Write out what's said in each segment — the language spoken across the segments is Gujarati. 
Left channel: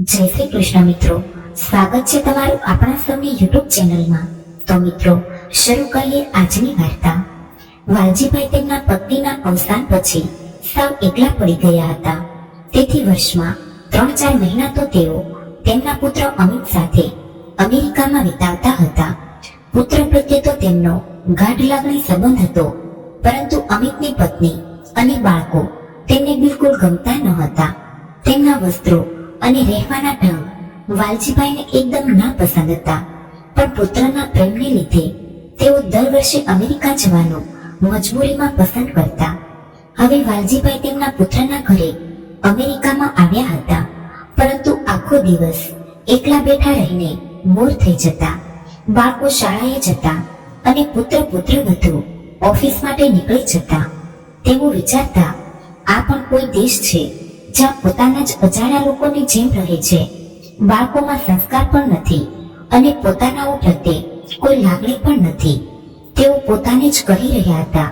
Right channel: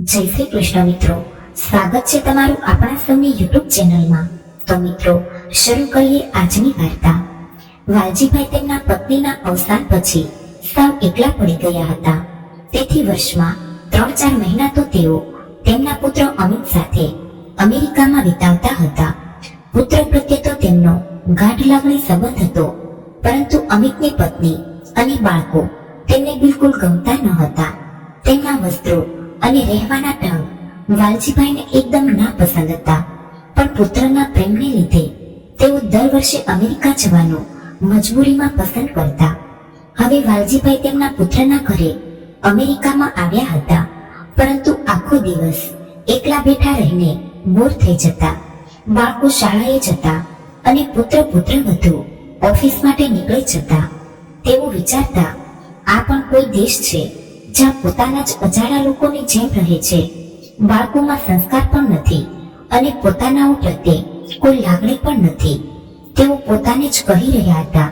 જય શ્રી કૃષ્ણ મિત્રો, સ્વાગત છે તમારું આપણા સૌની યુટ્યુબ ચેનલમાં. તો મિત્રો, શરૂ કરીએ આજની વાર્તા. વાલજીભાઈ તેમના પત્નીના અવસાન પછી સાવ એકલા પડી ગયા હતા. તેથી વર્ષમાં 3-4 મહિના તો તેઓ તેમના પુત્ર અમિત સાથે અમેરિકામાં વિતાવતા હતા. પુત્ર પ્રત્યે તો તેમનો ગાઢ લાગણી સંબંધ હતો, પરંતુ અમિતની પત્ની અને બાળકો તેમને બિલકુલ ગમતા ન હતા. તેમના વસ્ત્રો અને રહેવાના ઢંગ વાલજીભાઈને એકદમ નાપસંદ હતા. પણ પુત્રના પ્રેમને લીધે તેઓ દર વર્ષે અમેરિકા જવાનું મજબૂરીમાં પસંદ કરતા. હવે વાલજીભાઈ તેમના પુત્રના ઘરે અમેરિકામાં આવ્યા હતા, પરંતુ આખો દિવસ એકલા બેઠા રહીને બોર થઈ જતા. બાળકો શાળાએ જતા અને પુત્રવધુ ઓફિસ માટે નીકળી જતા. તેઓ વિચારતા, આ પણ કોઈ દેશ છે જ્યાં પોતાના જ અજાણ્યા લોકોની જેમ રહે છે. બાળકોમાં સંસ્કાર પણ નથી અને પોતાનાઓ પ્રત્યે કોઈ લાગણી પણ નથી. તેઓ પોતાને જ કહી રહ્યા હતા,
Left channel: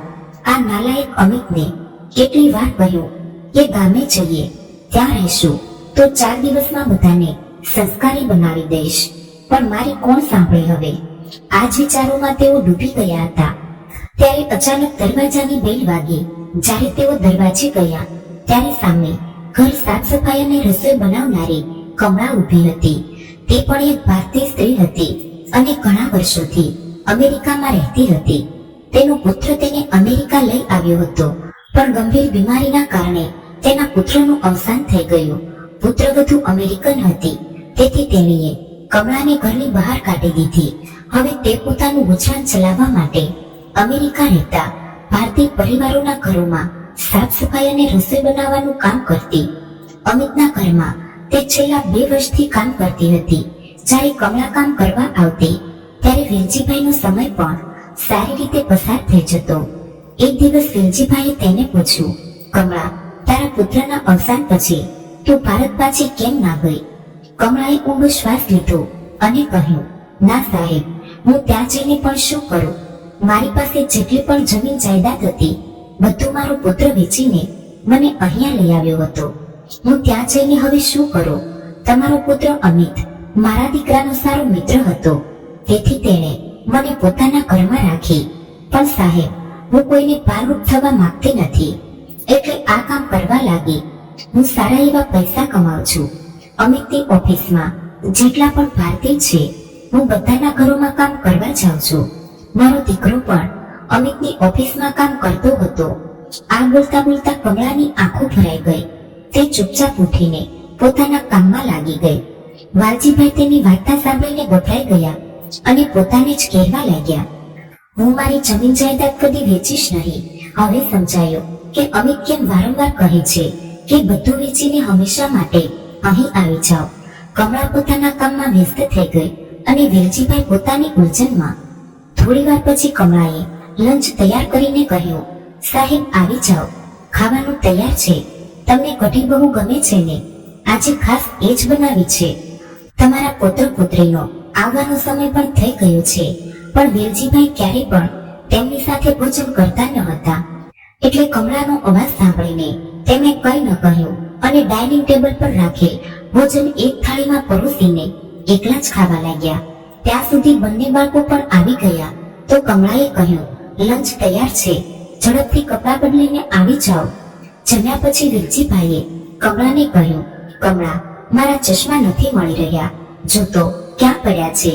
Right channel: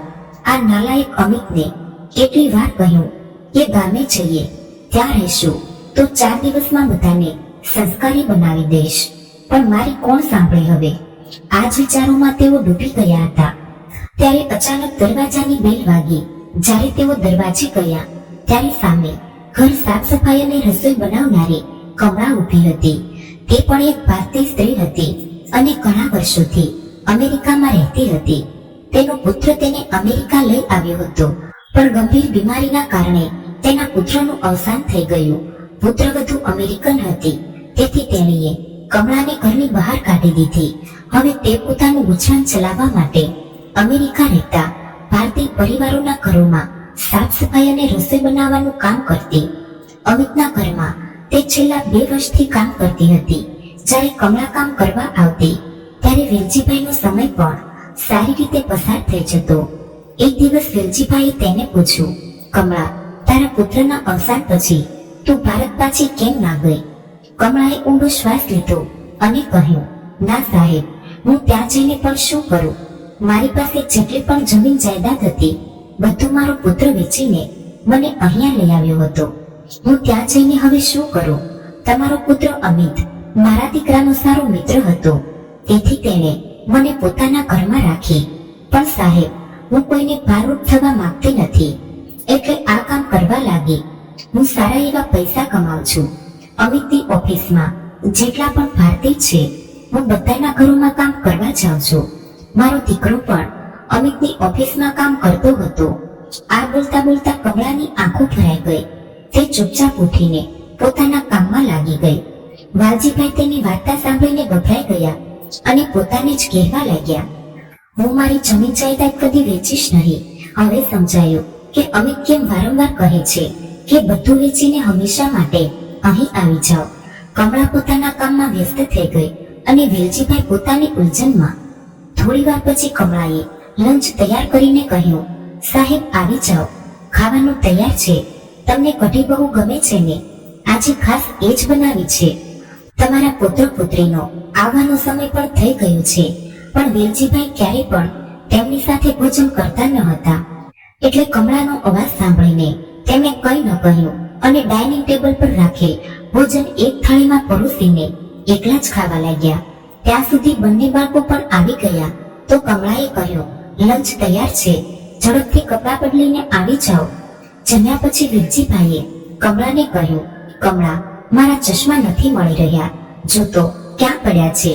આ નાલાયક અમિતને કેટલી વાર કહ્યું કે ગામે જઈએ ત્યાં રહેશું તો 4 દિવસમાં બધાને સંસ્કારી બનાવી દઈશ, પણ મારી કોણ સાંભળે હવે. આ જ વિચારોમાં તેઓ ડૂબી ગયા હતા. ત્યારે અચાનક દરવાજાની બેલ વાગી. જ્યારે તેઓ દરવાજે ગયા ત્યારે સામે ઘર સાફ સફાઈ અને રસોઈ બનાવનારી કમળા ઊભી હતી. તે પણ એક ભારતીય સ્ત્રી હતી અને ઘણા વર્ષોથી અમેરિકામાં રહેતી હતી. તેનો પુત્ર તેને અમેરિકા લઈ આવ્યો હતો, પણ ગંભીર બીમારીના કારણે તેના પુત્રનું અવસાન થઈ ગયું. પુત્રવધુ અમેરિકન હતી, તેથી તેણીએ કમળાને ઘરની બહાર કાઢી દીધી. હવે તે પોતાનું ગુજરાન ચલાવવા માટે અમેરિકા રહેતા ભારતીય પરિવારોના ઘરોમાં સાફ સફાઈ અને રસોઈ બનાવવાનું કામ કરતી. અમિતના ઘરમાં તે છેલ્લા 2 વર્ષથી કામ કરતી હતી. જ્યારે કમળા કામ કરવા આવતી ત્યારે વેલજીભાઈનો સમય પણ સારી રીતે પસાર થઈ જતો. એક દિવસ વેલજીભાઈએ તેને પૂછ્યું, કમળા, તારા પુત્રના અવસાન પછી તું ભારત પાછી કેમ ના ગઈ? કમળાએ ઊંડો શ્વાસ લીધો અને કહ્યું, ના સાહેબ, હું ત્યાં જઈને પણ શું કરું? મારી પાસે જેટલી પણ જમીન જાયદાદ હતી બધું મારો પુત્ર વેચીને મને અહીંયા લઈ આવ્યો હતો. હું ત્યાં જઈને હવે શું કરું? તમારો પુત્ર અમિત મારા દીકરાનો સારો મિત્ર હતો, તેથી તેણે મને પોતાના ઘરમાં રાખી. પણ સાહેબ, હું કોઈને ભારરૂપ થવા માંગતી નથી, એટલે આ કામ કરવા લાગી. હું સારા એવા પૈસા કમાઉં છું. અમિતની ઓફિસમાં જેટલા પણ ભારતીય છે, હું બધાના ઘરોમાં કામ કરવા જાઉં છું. મારો દીકરો પણ અમિતની ઓફિસમાં કામ કરતો હતો. આ બોલતા બોલતા કમળાની આંખો ભરાઈ ગઈ. તે ચૂપચાપ ઉઠીને પોતાના કામમાં લાગી ગઈ. વાલજીભાઈ તેની વાર્તા સાંભળીને ગભરાઈ ગયા અને પોતાને જ કહેવા લાગ્યા, હું મારી જમીન જાયદાદ કદી વેચીશ નહીં. હવે સમજાયું કે અમિત કેમ વારંવાર કહે છે કે બધું વેચીને હંમેશા માટે અહીં આવી જાઓ. કમળા પોતાના કામમાં વ્યસ્ત થઈ ગઈ અને વેલજીભાઈ પોતાની ઉલઝનમાં. થોડી વાર પછી કમળાએ લંચ તૈયાર કરીને કહ્યું, સાહેબ આવી જાઓ, ખાવાનું તૈયાર છે. તમને કઢી બહુ ગમે છે ને? આજે ખાસ એ જ બનાવી છે. તમારા પુત્ર પુત્રીનો આવવાનો સમય પણ થઈ ગયો છે. પણ વેલજીભાઈ ક્યારે પણ તેમની સાથે ભોજન કરતા ન હતા, એટલે કમળાનો અવાજ સાંભળીને તેમણે કંઈ ન કહ્યું અને ડાઇનિંગ ટેબલ પર રાખેલ ભોજન એક થાળીમાં પરોસીને એકલા જ ખાવા લાગ્યા. ત્યાં સુધી બંને બાળકો પણ આવી ગયા તો કમળાએ કહ્યું, લંચ તૈયાર છે, ઝડપથી કપડાં બદલીને આવી જાઓ. જમ્યા પછી વેલજીભાઈએ કમળાને કહ્યું, કમળા, મારા ચશ્મા નથી મળી રહ્યા, જો તો ક્યાં પડ્યા છે?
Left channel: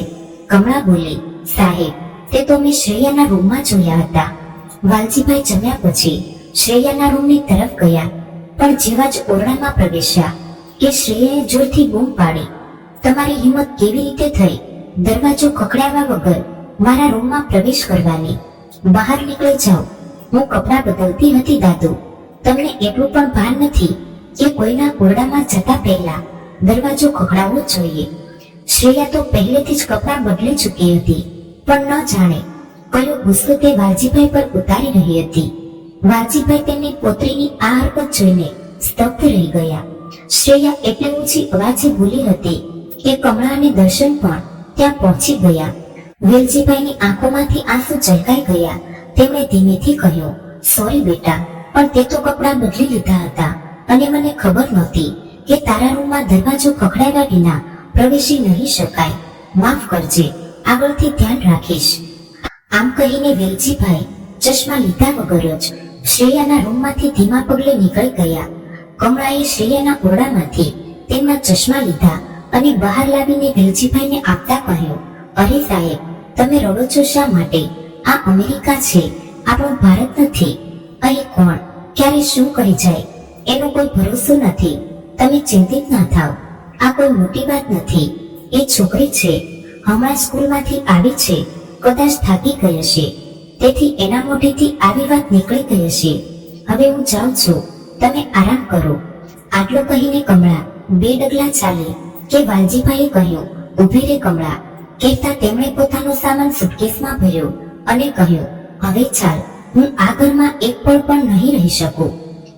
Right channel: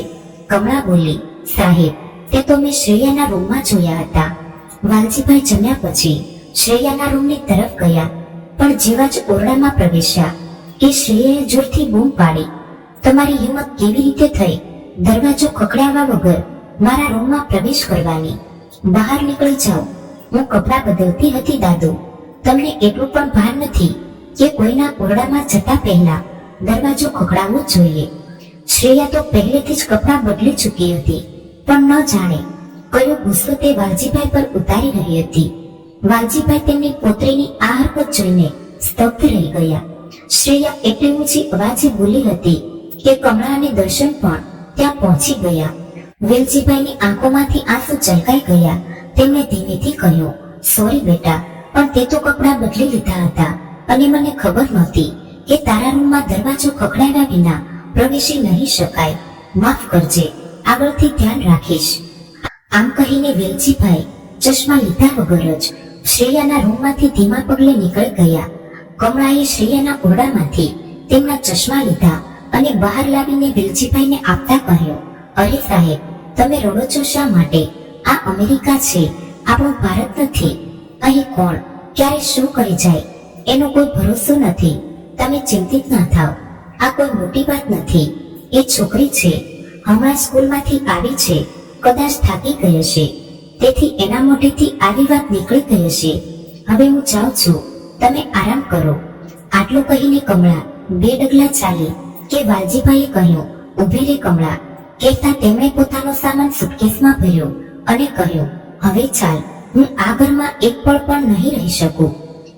કમળા બોલી, સાહેબ, તે તો મેં શ્રેયાના રૂમમાં જોયા હતા. વાલજીભાઈ જમ્યા પછી શ્રેયાના રૂમની તરફ ગયા, પણ જેવા જ ઓરડામાં પ્રવેશ્યા કે શ્રેયાએ જોરથી બૂમ પાડી, તમારી હિંમત કેવી રીતે થઈ દરવાજો ખખડાવવા વગર મારા રૂમમાં પ્રવેશ કરવાની? બહાર નીકળી જાઓ. હું કપડાં બદલતી હતી દાદુ. તમને એટલું પણ ભાન નથી કે કોઈના ઓરડામાં જતા પહેલા દરવાજો ખખડાવવો જોઈએ. શ્રેયા તો પહેલેથી જ કપડાં બદલી ચૂકી હતી, પણ ન જાણે કયો ગુસ્સો તે વાલજીભાઈ પર ઉતારી રહી હતી. વાલજીભાઈ તેમની પોતરીની આ હરકત જોઈને સ્તબ્ધ રહી ગયા. શ્રેયા એટલી ઊંચી અવાજે બોલી હતી કે કમળા અને દર્શન પણ ત્યાં પહોંચી ગયા. વેલજીભાઈની આંખોમાંથી આંસુ ઝલકાઈ ગયા. તેમણે ધીમેથી કહ્યું, સોરી બેટા, પણ તે તો કપડાં બદલી લીધા હતા અને મને ખબર નહોતી કે તારા રૂમમાં દરવાજો ખખડાવ્યા વિના પ્રવેશી નહીં શકાય. માફ કરજે, આગળથી ધ્યાન રાખીશ. આમ કહીને વેલજીભાઈ ચશ્મા લીધા વગર જ શ્રેયાના રૂમમાંથી ધીમા પગલે નીકળી ગયા. કમળાએ શ્રેયાના ઓરડામાંથી તેમના ચશ્મા લીધા અને બહાર લાવીને વેલજીભાઈને આપતા કહ્યું, અરે સાહેબ, તમે રડો છો શા માટે? આ અમેરિકા છે, આપણો ભારત નથી. અહીં કોણ ક્યારે શું કરી જાય એનો કોઈ ભરોસો નથી. તમે ચિંતિત ના થાવ, આ કોઈ મોટી વાત નથી. એ છોકરી છે, હમણાં સ્કૂલમાંથી આવી છે, કદાચ થાકી ગઈ હશે, તેથી એના મોઢેથી આવી વાત નીકળી ગઈ હશે. હવે હું જાઉં છું, તમે આરામ કરો. આટલું કહીને કમળા 2 ડગલા ચાલી કે વાલજીભાઈએ કહ્યું, ઊભી રે કમળા. કહેતા તેમણે પોતાનો સામાન સુટકેસમાં ભર્યો અને કહ્યું, હવે ચાલ, હું આ ઘરમાં એક પળ પણ નહીં રહી શકું.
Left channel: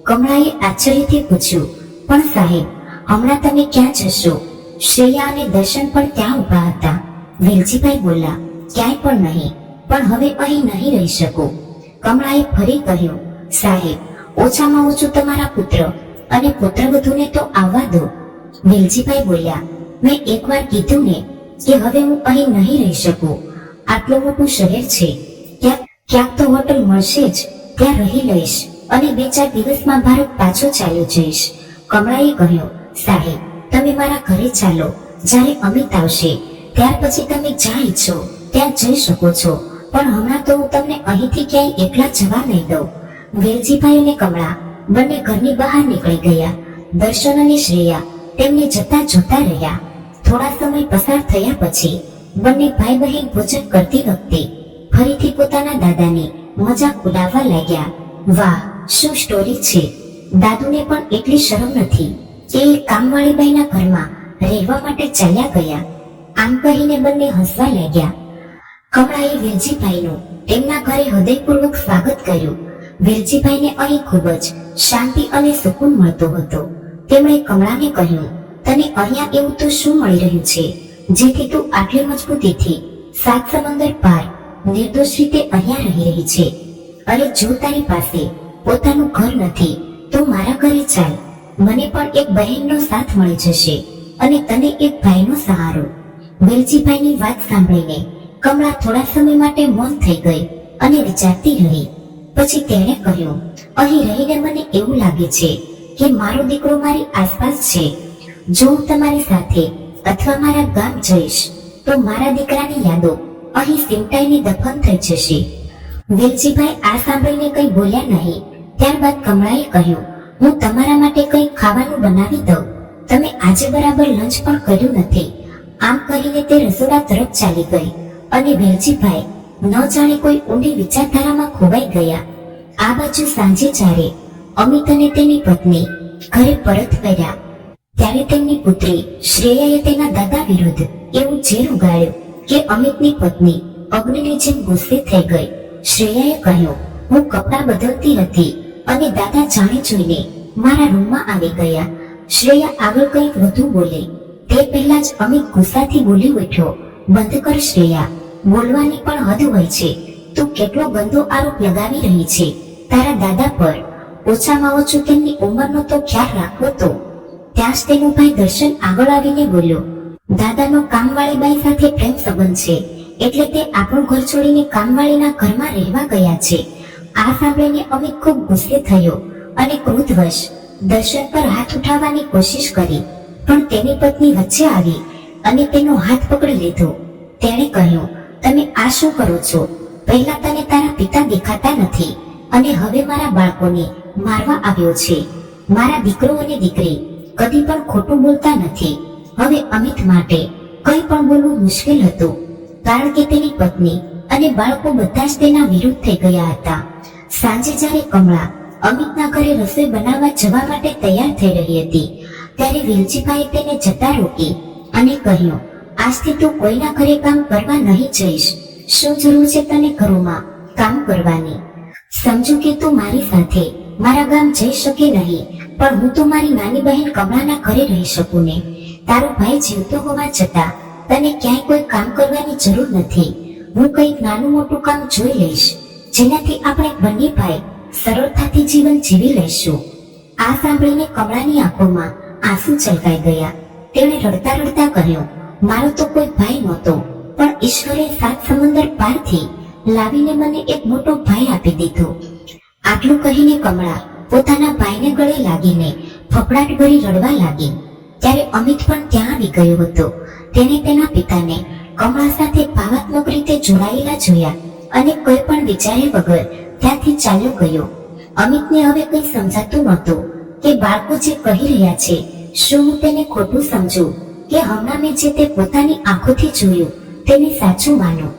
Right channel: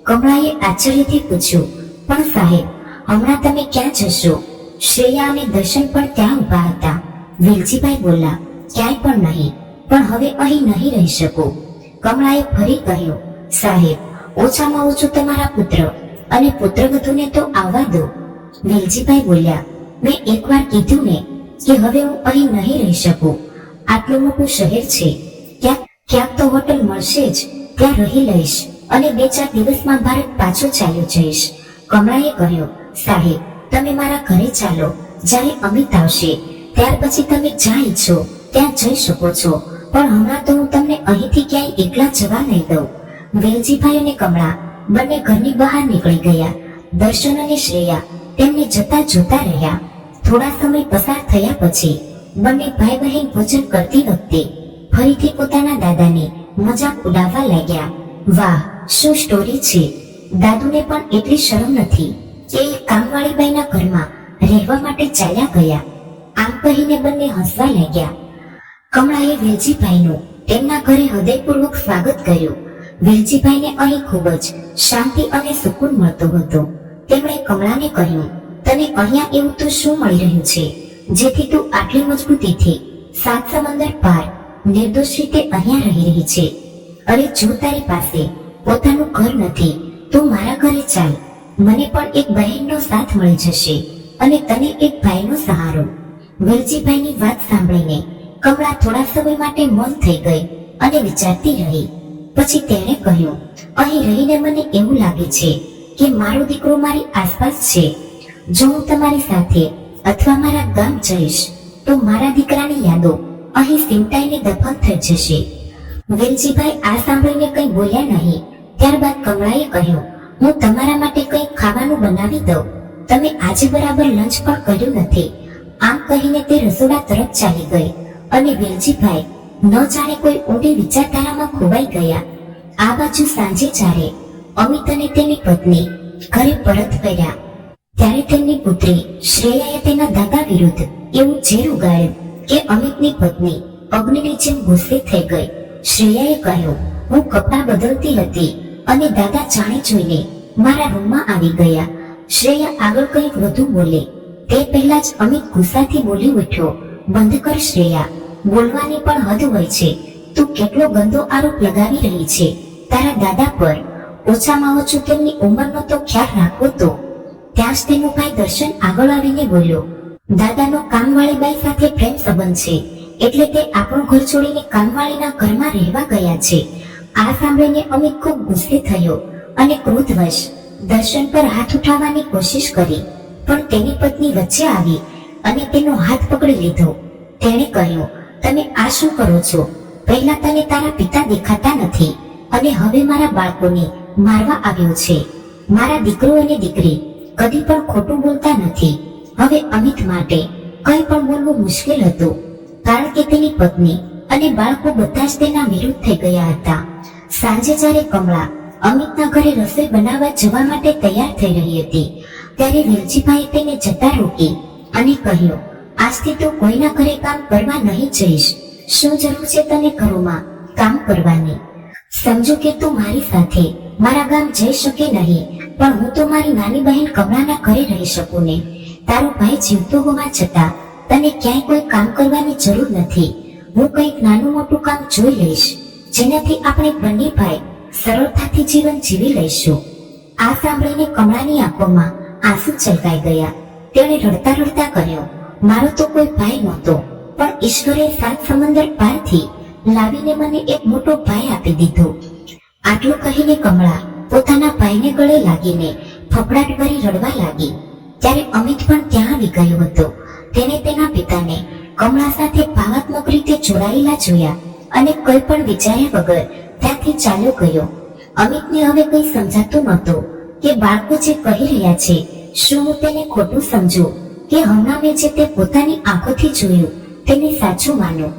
કમળાએ આશ્ચર્યથી પૂછ્યું, પણ સાહેબ, હમણાં તમે ક્યાં જશો? શ્રેયા અને દર્શન પણ ત્યાં ઊભા હતા. વેલજીભાઈ બોલ્યા, ક્યાંય પણ નહીં, પણ હવે અહીં નહીં રહી શકું. કમળાએ ફરી કહ્યું, સાહેબ, ઓછામાં ઓછું તમારા પુત્ર અને પુત્રવધૂને તો આવવા દો. વેલજીભાઈ બોલ્યા, મેં એકવાર કીધું ને કે હવે હું અહીં નહીં રહી શકું. આટલું મોટું શહેર છે, ક્યાંક તો હોટલ મળશે જ, ત્યાં રહી લઈશ અને 2-4 દિવસમાં ભારત પાછો ચાલ્યો જઈશ. કમળાએ કહ્યું, સાહેબ, તમે મારા ઘરે ચાલો. જ્યારે અમિત આવશે ત્યાર પછી તમે જ્યાં ઈચ્છો ત્યાં જઈ શકો છો, પણ હમણાં તો હું તમને અહીંથી ક્યાંય એકલા જવા નહીં દઉં. વેલજીભાઈ અને કમળા બંને ઘરની બહાર નીકળી ગયા. દર્શન અને શ્રેયા તેમને જતા જોતા રહ્યા. થોડા સમય પસાર થયા પછી બંને ભાઈ બહેન ભોજન કરતી વખતે ફરીથી પોતાના દાદાની મજાક ઉડાવવા લાગ્યા. વાહ, શું સ્ટોરી છે! દાદુને પણ એટલી શરમ નથી કે એ કામવાળી બાઈના ઘરમાં રહેવા માટે ચાલ્યા ગયા. આમ કહીને બંને હસવા લાગ્યા. કમળાએ વેલજીભાઈનું તેમના ઘરે હૃદયપૂર્વક સ્વાગત કર્યું. વેલજીભાઈને અહીં ખૂબ જ શાંતિ અને સુકૂન મળતો હતો. તેમણે કમળાને કહ્યું, તને અહીંયા એવું તો શું મળી રહ્યું છે જેથી તું આટલી મજબૂતીથી 7 સમંદર પાર નિર્દોષ રીતે અહીંયા રહી રહી છે? અરે જો તારી પાસે પોતાનું ઘર નથી તો મારા ઘરે ચાલ. મને પણ એક બહેનનો સાથ મળી જશે અને તને એક ભાઈનો સહારો. વેલજીભાઈની વાત સાંભળીને કમળા થોડા સમય માટે મૌન થઈ ગઈ અને વિચારતી રહી. પછી તેણે કહ્યું, અહીં રહીને મને એવું લાગે છે કે મારો દીકરો મારી આસપાસ છે. જો હું તમારી સાથે અથવા મારા ગામ જઈશ તો મારા દીકરાની યાદો અહીં સિમટાઈને દફન થઈ જશે. વેલજીભાઈ આ સાંભળીને કંઈ બોલ્યા નહીં. ત્યારબાદ કમળાએ કહ્યું, હું તમારા માટે કંઈ ખાવાનું બનાવી દઉં. તમે આજે બરાબર લંચ પણ કર્યું નથી. આમ કહીને તે રસોડા તરફ ચાલી ગઈ અને વેલજીભાઈ ન જાણે કોઈ ઊંડી વિચારધારામાં ખોવાઈ ગયા. આ બાજુ સાંજે જ્યારે અમિત અને તેની પત્ની ઘરે પરત ફર્યા ત્યારે તેમની પુત્રી શ્રેયાએ તેના દાદા વિરુદ્ધ એવું ઝેર ઉગાડ્યું કે અમિતની પત્ની અગ્નિની જેમ ગુસ્સે થઈ ગઈ. શ્રેયાએ કહ્યું, હું કપડાં બદલતી હતી અને દાદા જાણી જોઈને મારા રૂમમાં આવી ગયા. શ્રેયા આગળ કંઈક વધુ બોલી તે પહેલા જ અમિત ગુસ્સાથી બોલી ઉઠ્યો, બંધ કર શ્રેયા, બોલવાની પણ હદ હોય છે. તું કેટલો ગંદો આરોપ લગાવી રહી છે તારા દાદા પર. ઓછામાં ઓછું તેમની ઉંમરનો તો ખ્યાલ રાખવો તો. ત્યાં જ તેનો ભાઈ દર્શન આગળ આવીને બોલ્યો, દાદાનો કામવાળી બાઈ સાથે પ્રેમ સંબંધ છે એટલે તે આપણું ઘર છોડીને કામવાળીના ઘરમાં રહેવા ગયા છે. આ સાંભળીને અમિત ખૂબ ગુસ્સે થયો અને ક્રોધવશ દર્શન પર હાથ ઉઠાવવાની કોશિશ કરી, પણ તેની પત્ની વચ્ચે આવી અને તેનો હાથ પકડી લીધો. તેણે કહ્યું, તમે આ શું કરો છો? પહેલા તને તારા પિતા દેખાતા નથી અને હવે મારા બાળકોને મારવા આવ્યો છે. મારા દીકરો અને દીકરી કદી પણ ખોટું બોલતા નથી. હવે અમિત માટે કંઈ પણ બોલવું મુશ્કેલ હતું કારણ કે તેની પત્ની અને બાળકો બધા જ તેના વિરુદ્ધ થઈ ગયા હતા. સાંજે જ્યારે કમળા અમિતના ઘરે રસોઈ બનાવવા જવા માટે તૈયાર થઈ રહી હતી ત્યારે વેલજીભાઈએ તેને જતા રોકી અને કહ્યું, આજથી તું કોઈના ઘરે કામ કરવા નહીં જઈશ. શું જરૂર છે તને ઘરોમાં કામ કરવાની? સમજુ કે તું મારી સાથે મારા ગામ જઈ શકે નહીં, પણ હું તો મારી નાની બહેન કમળાના ઘરે રહી શકું ને. તારો ભાઈ જીવતો હોવા છતાં તને ક્યાંય કોઈ કામ કરવાની જરૂર નથી. હું કંઈક નાનું મોટું કામ જોઈ લઈશ જેનાથી આપણે બંને ભાઈ સરળતાથી જીવન જીવી લઈશું. આ સાંભળીને કમળાની આંખોમાં આંસુ છલકાઈ ગયા. તેણે રડતા રડતા કહ્યું, મારો તો કોઈ ભાઈ નહોતો, પણ ઈશ્વરે 7 સમંદર પારથી લાવીને મને એક મોટો ભાઈ આપી દીધો. આટલું કહીને કમળા પોતાના ભાઈને ગળે લાગીને ફફડાટ ભરી રડવા લાગી. ત્યારે અમિત પણ ત્યાં આવી ગયો હતો. તેણે તેના પિતાને કમળા સાથે ભાવાત્મક રીતે જોડાયેલા જોયા અને કોઈ પણ વિચાર્યા વગર ત્યાંથી ચાલ્યો ગયો. અમિતને હવે કંઈ સમજાતું નહોતું કે બાળકો જે કહી રહ્યા છે, શું હું તેને ખોટું સમજું કે હમણાં મેં જે તે પોતાની આંખોથી જોયું તેને સાચું માનું.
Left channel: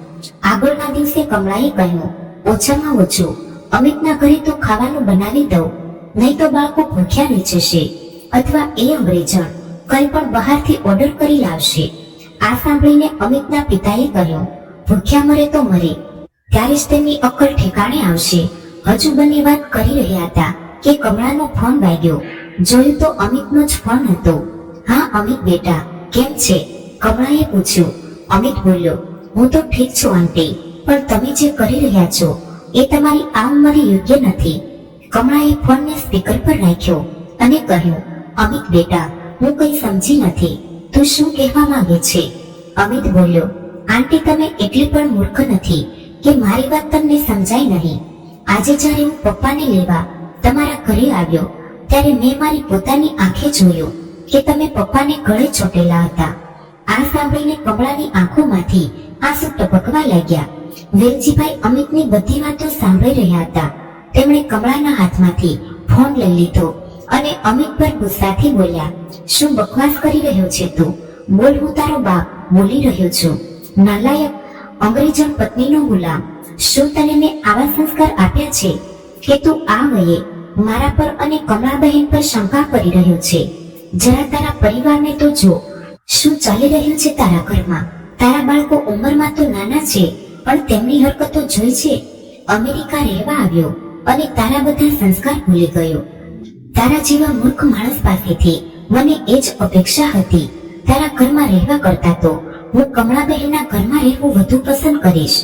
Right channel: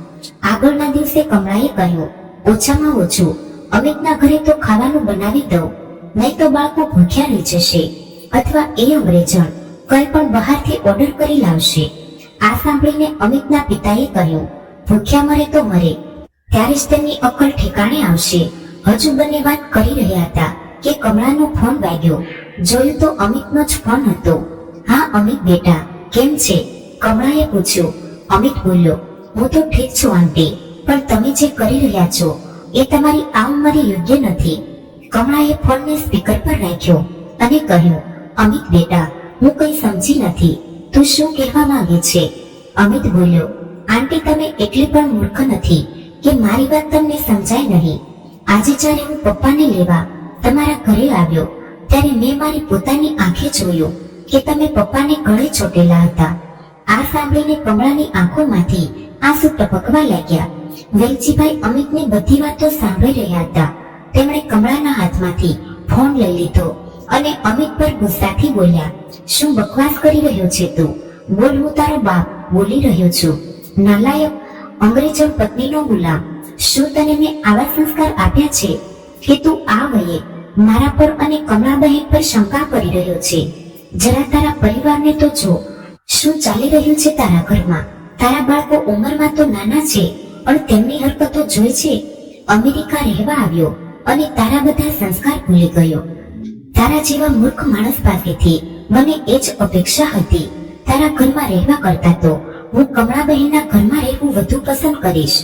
આગળના દિવસે કમળાએ કહ્યું, ઓછામાં ઓછું અમિતના ઘરે તો ખાવાનું બનાવી દઉં, નહીં તો બાળકો ભૂખ્યા રહી જશે અથવા એ અંગ્રેજણ કંઈ પણ બહારથી ઓર્ડર કરી લાવશે. આ સાંભળીને અમિતના પિતાએ કહ્યું, ભૂખ્યા મરે તો મરે, ત્યારે જ તેમની અક્કલ ઠેકાણે આવશે. હજુ બંને વાત કરી રહ્યા હતા કે કમળાનો ફોન વાગ્યો. જોયું તો અમિતનો જ ફોન હતો. હા અમિત બેટા, કેમ છે? કમળાએ પૂછ્યું. અમિત બોલ્યો, હું તો ઠીક છું આંટી, પણ તમે જે કરી રહ્યા છો એ તમારી આ ઉંમરે યોગ્ય નથી. કમળાએ ફોનને સ્પીકર પર રાખ્યો અને કહ્યું, અમિત બેટા, હું કંઈ સમજી નથી, તું શું કહેવા માંગે છે? અમિત બોલ્યો, આંટી તમે એટલી પણ મૂર્ખ નથી કે મારી વાત તમને સમજાય નહીં. આજે જ્યારે હું પપ્પાને લેવા તમારા ઘરે આવ્યો ત્યારે મેં મારી પોતાની આંખે જોયું કે તમે પપ્પાને ગળે ચોટેલા હતા. આ સાંભળીને કમળાની આંખોમાંથી આંસુ ટપકવા લાગ્યા. વેલજીભાઈ અમિતની બધી વાતો સાંભળી રહ્યા હતા. તેમણે કમળાના હાથમાંથી ફોન લઈ લીધો અને અમિત પર ગુસ્સાથી બોલ્યા, શું બકવાસ કરી રહ્યો છે તું? બોલ, હું તારો બાપ બોલી રહ્યો છું. નાલાયક, અંગ્રેજણ પત્નીનો ગુલામ, શું તને મેં આવા સંસ્કાર આપ્યા છે કે તું આ વયે મારા પર અને કમળાબહેન પર શંકા કરી રહ્યો છે? જરા તારા પરિવારને તો જો, શું ચાલી રહ્યું છે તારા ઘરમાં? તારા બાળકો ઉંમરમાં તો નાના છે, પણ તેમની હરકતો જોઈ છે. અમેરિકા રહેવા આવ્યો અને તારા બધા સંસ્કાર ભૂલી ગયો. તારા જેવા મૂર્ખ માણસ પાસેથી મને એ જ અપેક્ષા હતી. તારા ઘરમાં રહેવા કરતા તો હું કમળાબહેનના ઘરમાં રહેવું વધુ પસંદ કરીશ.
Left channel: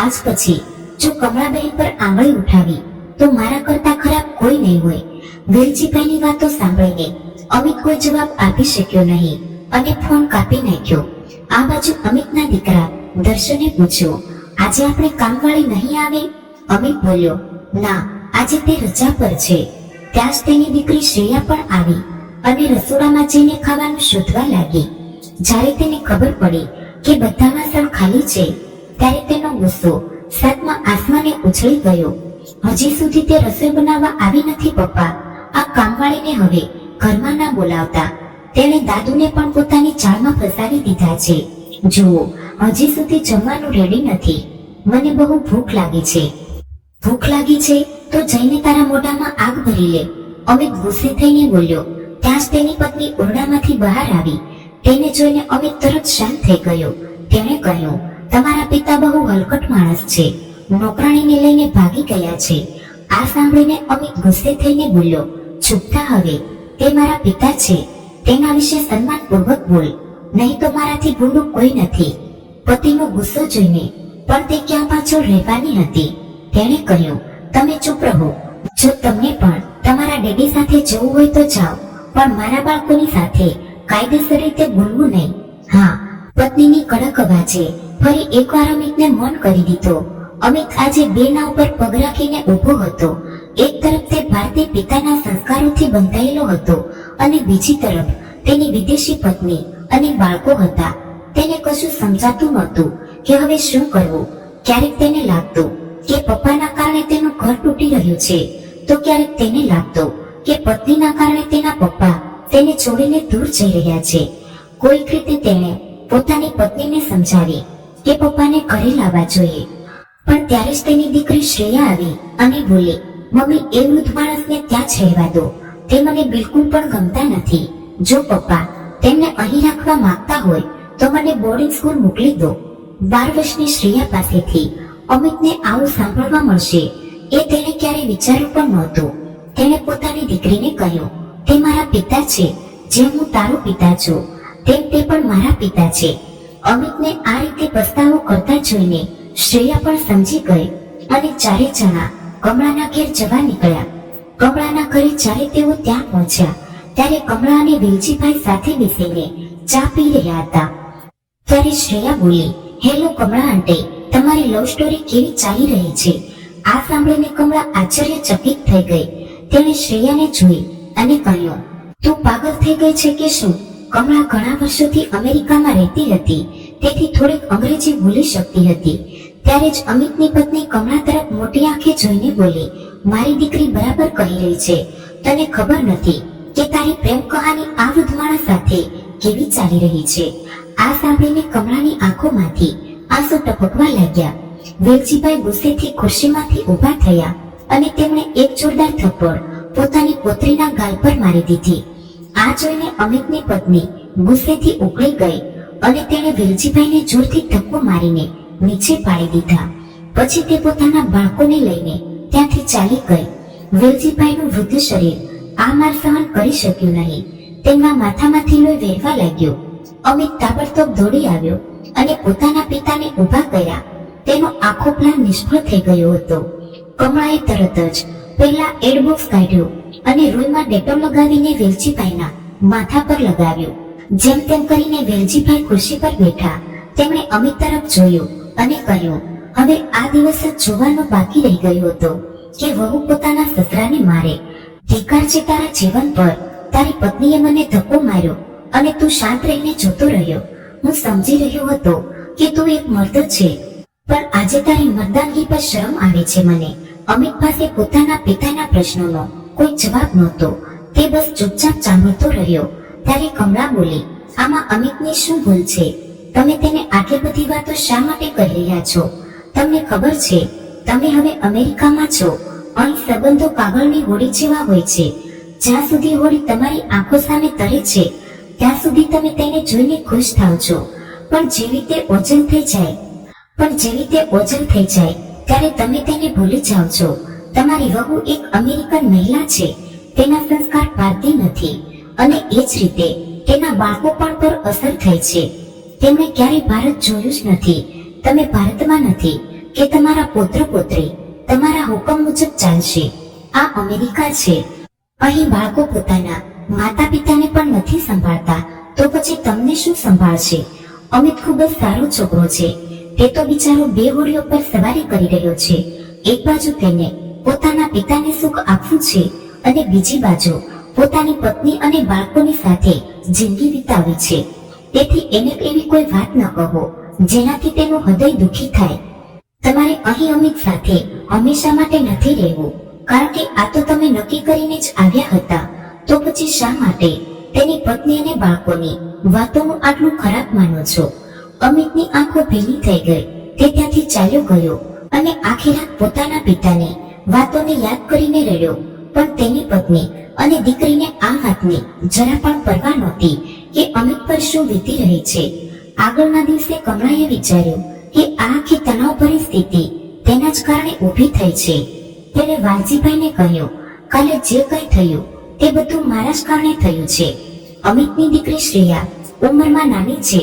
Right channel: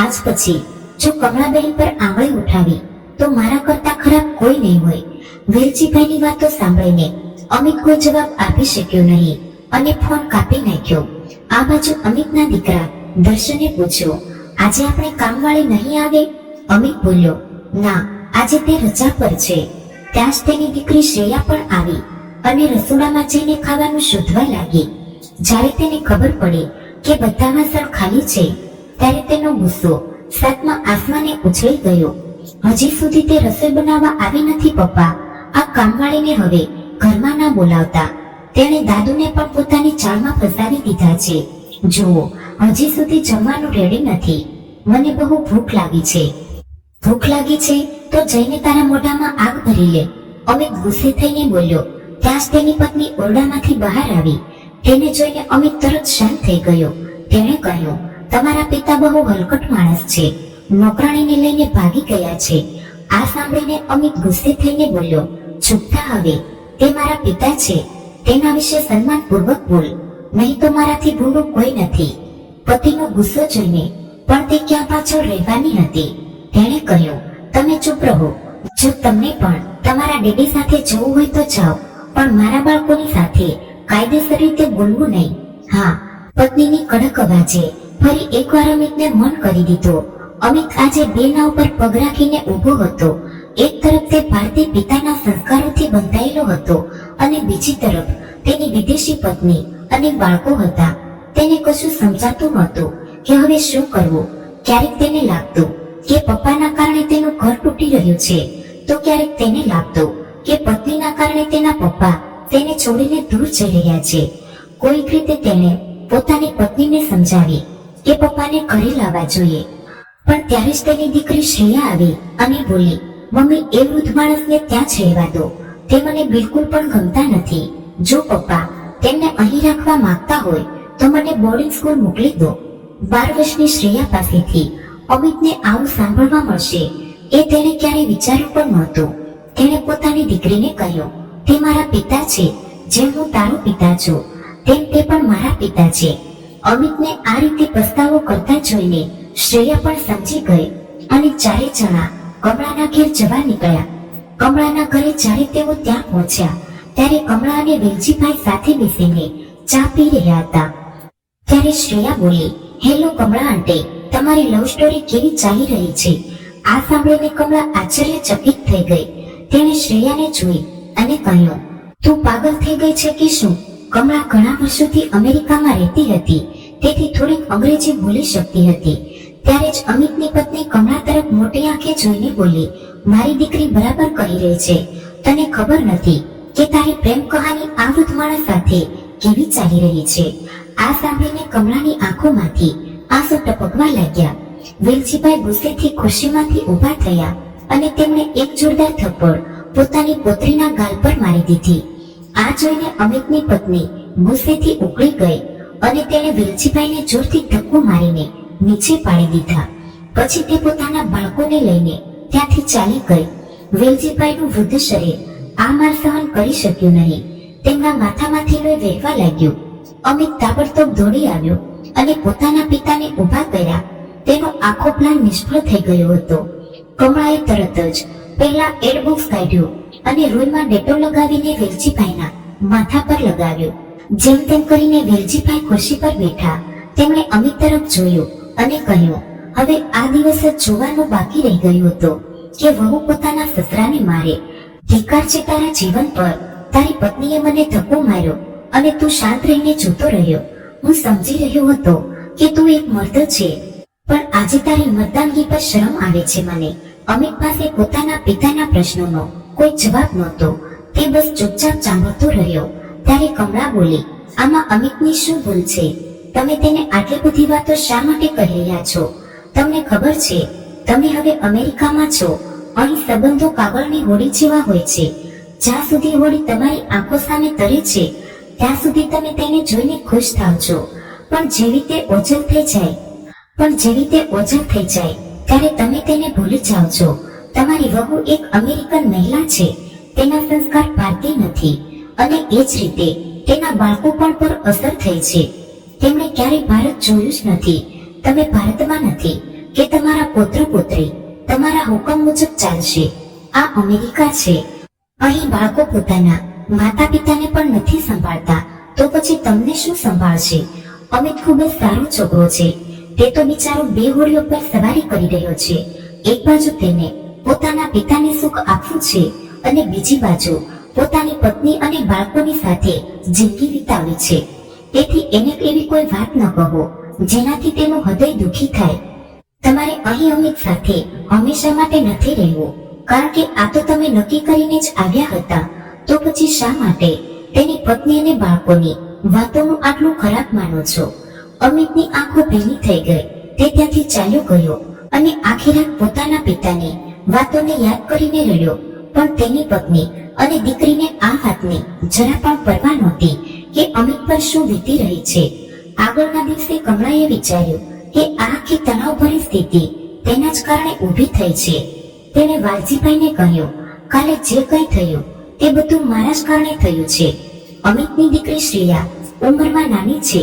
આજ પછી જો કમળાબહેન પર આંગળી ઉઠાવી તો મારા કરતા ખરાબ કોઈ નહીં હોય. વેલજીભાઈની વાતો સાંભળીને અમિત કોઈ જવાબ આપી શક્યો નહીં અને ફોન કાપી નાખ્યો. આ બાજુ અમિતના દીકરા દર્શને પૂછ્યું, આજે આપણે કામવાળી નહીં આવે? અમિત બોલ્યો, ના, આજે તે રજા પર છે. ત્યાં જ તેની દીકરી શ્રેયા પણ આવી અને રસોડામાં જઈને ખાવાનું શોધવા લાગી. જ્યારે તેને ખબર પડી કે બધા વાસણ ખાલી છે ત્યારે તેનો ગુસ્સો 7મા આસમાને ઉછળી ગયો. હજી સુધી તે રસોઈ બનાવવા આવી નથી પપ્પા, આ કામવાળીને હવે ઘરમાં ના બોલાવતા. તેણે દાદુને પણ પોતાની ચાળમાં ફસાવી દીધા છે. જુઓ, હજી સુધી જમવાનું રેડી નથી. મને બહુ ભૂખ લાગી છે. ભૂખ લાગી છે તો જઈને તારા મોઢામાં આગ ભરી લે. અમિત ગુસ્સે થઈને બોલ્યો. ત્યાં જ તેની પત્ની ઓરડામાંથી બહાર આવી. તેને જોઈને અમિત તરત શાંત થઈ ગયો. તેણે કહ્યું, તમારા પિતા બહુ હલકટ માણસ છે, નોકરાણીને લઈને ભાગી ગયા છે. આ સાંભળીને અમિત ગુસ્સે થઈને બોલ્યો, ચૂપ થા હવે, તે મારા પિતા છે, તેના વિશે સન્માનપૂર્વક બોલ, નહીં તો મારાથી ભૂંડું કોઈ નથી. પતિનો ગુસ્સો જોઈને પણ તે ક્યાં પાછળ રહેવાની હતી. તેણે કહ્યું, તમે ચૂપ રહો. જો તમને પણ તમારા ડેડી સાથે જવું હોય તો જાઓ, પણ મારા બાળકોની સાથે કાયદેસર રીતે બોલવું નહીં. હા, પત્નીની કડક અવાજે ફરી એકવાર અમિતને મન કરી દીધો. અમિત આજે બે નાવ પર પગ રાખીને ઊભો હતો. એક તરફ તે ભારતીય પિતાના સંસ્કારોથી બંધાયેલો હતો અને બીજી તરફ તેની વિદેશી પત્ની અને બાળકો હતા. તેને કશું સમજાતું નહોતું કે હવે શું કરવું. ક્યારેક તેને લાગતું કે પપ્પાના કારણે તેનું ઘર તૂટી રહ્યું છે, તો ક્યારેક તેને લાગતું કે પત્નીના કારણે તેના પપ્પા તેને છોડીને દૂર જઈ રહ્યા છે. કોઈક રીતે તેણે પોતાની પત્નીને સમજાવી કે પપ્પાને ઘરે લાવવા જોઈએ. પણ ત્યારે જ તેની દીકરી શ્રેયા આવી અને બોલી, મમ્મી, એ વૃદ્ધ માણસને ત્યાં જ રહેવા દો, તે મને બિલકુલ પણ ગમતા નથી. જો પપ્પા તેમને અહીં રાખવા માંગતા હોય તો મને બોર્ડિંગ સ્કૂલ મોકલી દો. 12 વર્ષની શ્રેયા પાસેથી અમિતને આવું સાંભળવા મળશે એ તેણે ક્યારેય વિચાર્યું પણ નહોતું. તેણે પોતાની દીકરીને કહ્યું, તે મારા પિતા છે, જેમ હું તારો પિતા છું તેમ તે પણ મારા પિતા છે. અમિતને આ રીતે પસ્તાવો કરતા જોઈને શ્રેયા પણ સમજી ગઈ અને ચારે જણા કમળાના ઘેર જવા નીકળ્યા. કમળાના ઘરે જ્યારે તેઓ ત્યાં પહોંચ્યા ત્યારે કમળા અને વેલજીભાઈ સાથે બેસીને ચા પી રહ્યા હતા. ત્યારે શ્રેયા બોલી, હેલો કમળા આંટી, તમારી લવ સ્ટોરી કેવી ચાલી રહી છે? આ સાંભળીને કમળા આશ્ચર્યચકિત થઈ ગઈ. તેણે શ્રેયાને જોઈ અને કહ્યું, તું પાગલ થઈ ગઈ છે કે શું? કમળા ઘણા વર્ષોથી અમેરિકામાં રહેતી હતી, તેથી થોડીક અંગ્રેજી ભૂલી શકતી હતી. ત્યારે જ અમિતની પત્ની કમળા તરફ મોટી આંખે જોઈને બોલી, મારી દીકરી બરાબર કહી રહી છે. તને ખબર નથી કે તારી પ્રેમ કહાની આ વૃદ્ધ માણસ સાથે કેવી ચાલી રહી છે? આ સાંભળીને કમળાની આંખોમાંથી આંસુ ટપકવા લાગ્યા. વેલજીભાઈ ગુસ્સેથી ખુરશીમાંથી ઊભા થયા અને તેમણે એક જોરદાર થપ્પડ પોતાની પુત્રીના ગાલ પર મારી દીધી. આ જોઈને અમિતની પત્ની ગુસ્સેથી ઉકળી ગઈ અને તેણે વેલજીભાઈને જોરથી ધક્કો મારીને નીચે પાડી દીધા. પછી તે પોતાના બાળકોને લઈને ત્યાંથી ચાલી ગઈ. વેલજીભાઈનું વૃદ્ધ શરીર આ માર સહન કરી શક્યું નહીં. તેમના માથામાંથી લોહી વહેવા લાગ્યું. અમિત તાબડતોબ દોડી આવ્યો અને પોતાના પિતાને ઊભા કર્યા. તેનો આખો પ્લાન નિષ્ફળ થઈ ગયો હતો. કમળાએ તરત જ પહેલા એડબોક્સ કાઢ્યું અને રૂઈમાં ડેટોલ લગાવીને વેલજીભાઈના માથા પર લગાવ્યું. જેમ તેમ કરીને વેલજીભાઈ ખુરશી પર બેઠા. તેમણે અમિત તરફ જોયું અને કહ્યું, હવે આ દિવસ જ જોવાનું બાકી રહી ગયું હતું કે વહુ પોતાના સસરાને મારે. ધિક્કાર છે તારા જીવન પર. તારી પત્નીએ મને ધક્કો માર્યો અને તું શાંત રહીને જોતો રહ્યો. હું સમજી રહ્યો હતો કે તું એક મર્દ છે, પણ આજે તારી મર્દાનગી પર શરમ આવે છે મને. અમિત પાસે પોતાના પિતાના પ્રશ્નોનો કોઈ જવાબ નહોતો. તે બસ ચૂપચાપ સાંભળતો રહ્યો. ત્યારે કમળા બોલી, આમાં અમિતની શું ભૂલ છે? તમે તેને આટલી બધી વાતો શા માટે કહી રહ્યા છો? તમને ખબર છે તમે હવે અમેરિકામાં છો. અહીં સંબંધો કાગળની હોડી જેવા હોય છે. જ્યાં સુધી હોડી તમારી આંખો સામે તરે છે ત્યાં સુધી તમે તેને જોઈને ખુશ થાવ છો, પણ જેવી તે ઓઝલ થઈ જાય ત્યારે તમે તેને ભૂલી જાઓ છો. તમારી વહુ એક અમેરિકન મહિલા છે. તેના સંસ્કાર ભારતીય નથી અને એ જ રીતે તેના બાળકો પણ પર અસર થઈ છે. તેમણે ક્યારેય ભારત જોયું જ નથી. તમે ભારતમાં નથી કે તમારા પુત્ર પુત્રી તમારા હુકમ મુજબ ચાલશે. આ અમેરિકા છે. અહીં બાળકો પોતાના માતા પિતાને પણ નથી સંભાળતા, તો પછી તમને શું સંભાળશે? અમિત ખૂબ જ સારો છોકરો છે. તે તો બિચારો બે હોડીઓ પર સવારી કરી રહ્યો છે. એક બાજુ તેને પોતાના પિતાને સુખ આપવું છે અને બીજી બાજુ પોતાની પત્ની અને બાળકોની સાથે જિંદગી વિતાવી છે. તેથી એને એવી કોઈ વાત ન કહો જેનાથી તેનું હૃદય દુખી થાય. તમારે અહીં અમિત સાથે હંમેશા માટે નથી રહેવું, કારણ કે આ તો તમે નક્કી કરીને જ આવ્યા હતા. તો પછી શા માટે તેની પત્ની અને બાળકોની વાતોનું આટલું ખરાબ માનો છો? અમિતની આંખો ભીની થઈ ગઈ. તે ત્યાંથી ચાલ્યો ગયો અને આખી રાત પોતાના પિતાની વાતોને યાદ કરીને રડ્યો. પણ તેની પત્ની અને દીકરીને આ વાતની જરા પણ પરવા નહોતી કે અમિત પર શું વીતી રહી છે. આગળના દિવસે કમળાએ વિચાર્યું કે આ આખી તણાવભરી સ્થિતિ તેના જ કારણે ઊભી થઈ છે. તેણે વાલજીભાઈને કહ્યું, કાલે જે કંઈ થયું તે બધું મારા જ કારણે થયું છે. અમિતની દીકરી શ્રેયા ઉંમરમાં નાની છે,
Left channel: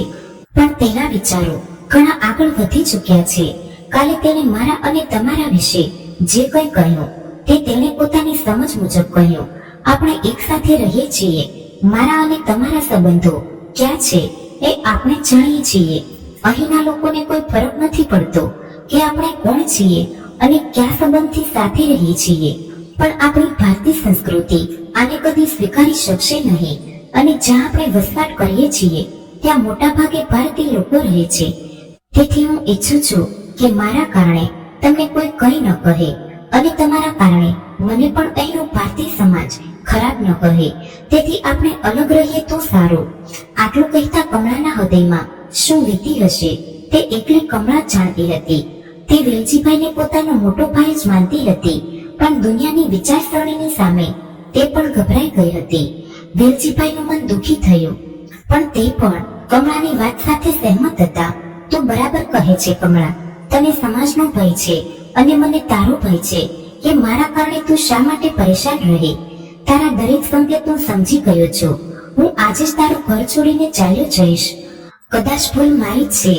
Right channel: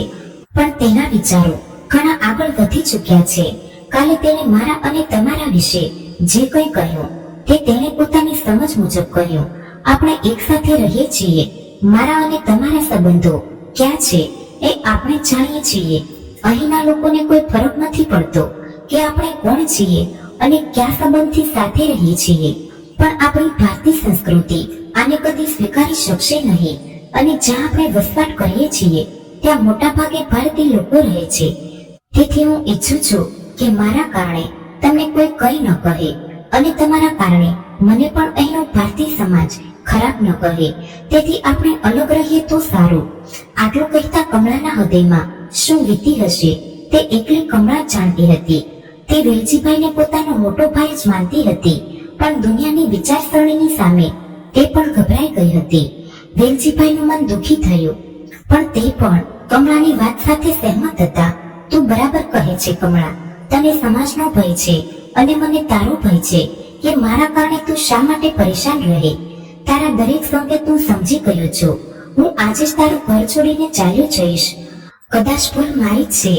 પણ તેના વિચારો ઘણા આગળ વધી ચૂક્યા છે. કાલે તેણે મારા અને તમારા વિશે જે કંઈ કહ્યું તે તેણે પોતાની સમજ મુજબ કહ્યું. આપણે એક સાથે રહીએ છીએ. મારા અને તમારા સંબંધો ક્યાં છે એ આપણે જાણીએ છીએ. અહીંના લોકોને કોઈ ફરક નથી પડતો કે આપણે કોણ છીએ અને કયા સંબંધથી સાથે રહીએ છીએ. પણ આપણી ભારતીય સંસ્કૃતિ આને કદી સ્વીકારી શકશે નહીં. અને જ્યાં આપણે વસવાટ કરીએ છીએ ત્યાં મોટા ભાગે ભારતીય લોકો રહે છે. તેથી હું ઈચ્છું છું કે મારા કારણે તમને કોઈ કંઈ ન કહે અને તમારા કારણે મને પણ અહીંનો ભારતીય સમાજ ખરાબ ન કહે. તેથી આપણે અલગ રહીએ તો સારું. આટલું કહેતા કમળાના હૃદયમાં શું વીતી હશે તે એકલી કમળા જાણતી હતી. તે વેલજીભાઈને પોતાનો મોટો ભાઈ જ માનતી હતી, પણ દુનિયાની વિચારસરણીની સામે તે પણ ગભરાઈ ગઈ હતી. વેલજીભાઈનું મન દુખી થયું, પણ તે પણ કમળાની વાત સાથે સહેમત હતા. તું બરાબર કહે છે કમળા. તને સમાજનો ભય છે અને મને તારો ભય છે કે મારા કારણે તું શા માટે પરેશાન રહે. તારા દરેક સંકેત હું સમજી ગયો છું. હું આજે જ તારું ઘર છોડીને ચાલ્યો જઈશ. કદાચ ભૂલ મારી જ છે.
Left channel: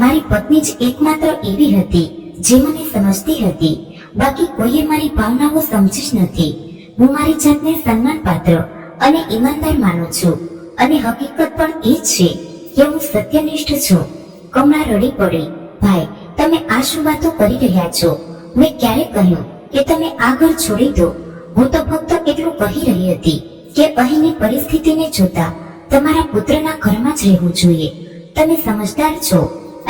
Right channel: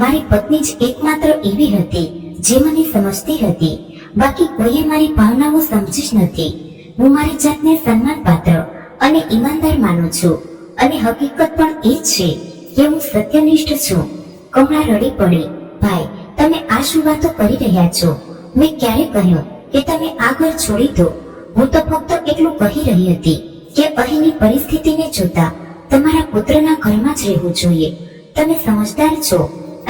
મારી પત્ની જ એકમાત્ર એવી હતી જે મને સમજતી હતી. બાકી કોઈએ મારી ભાવનાઓ સમજી જ નથી. હું મારી જાતને સન્માન પાત્ર અને ઈમાનદાર માનું છું અને હકીકત પણ એ જ છે કે હું સત્યનિષ્ઠ છું. કમળા રડી પડી, ભાઈ તમે આ શું વાતો કરી રહ્યા છો? મેં ક્યારે કહ્યું કે તમે આ ઘર છોડી દો? હું તો ફક્ત એટલું કહી રહી હતી કે અહીંની પરિસ્થિતિને જોતા તમારા પુત્રના ઘરમાં જ રહેવું જોઈએ. તમે સમજદાર છો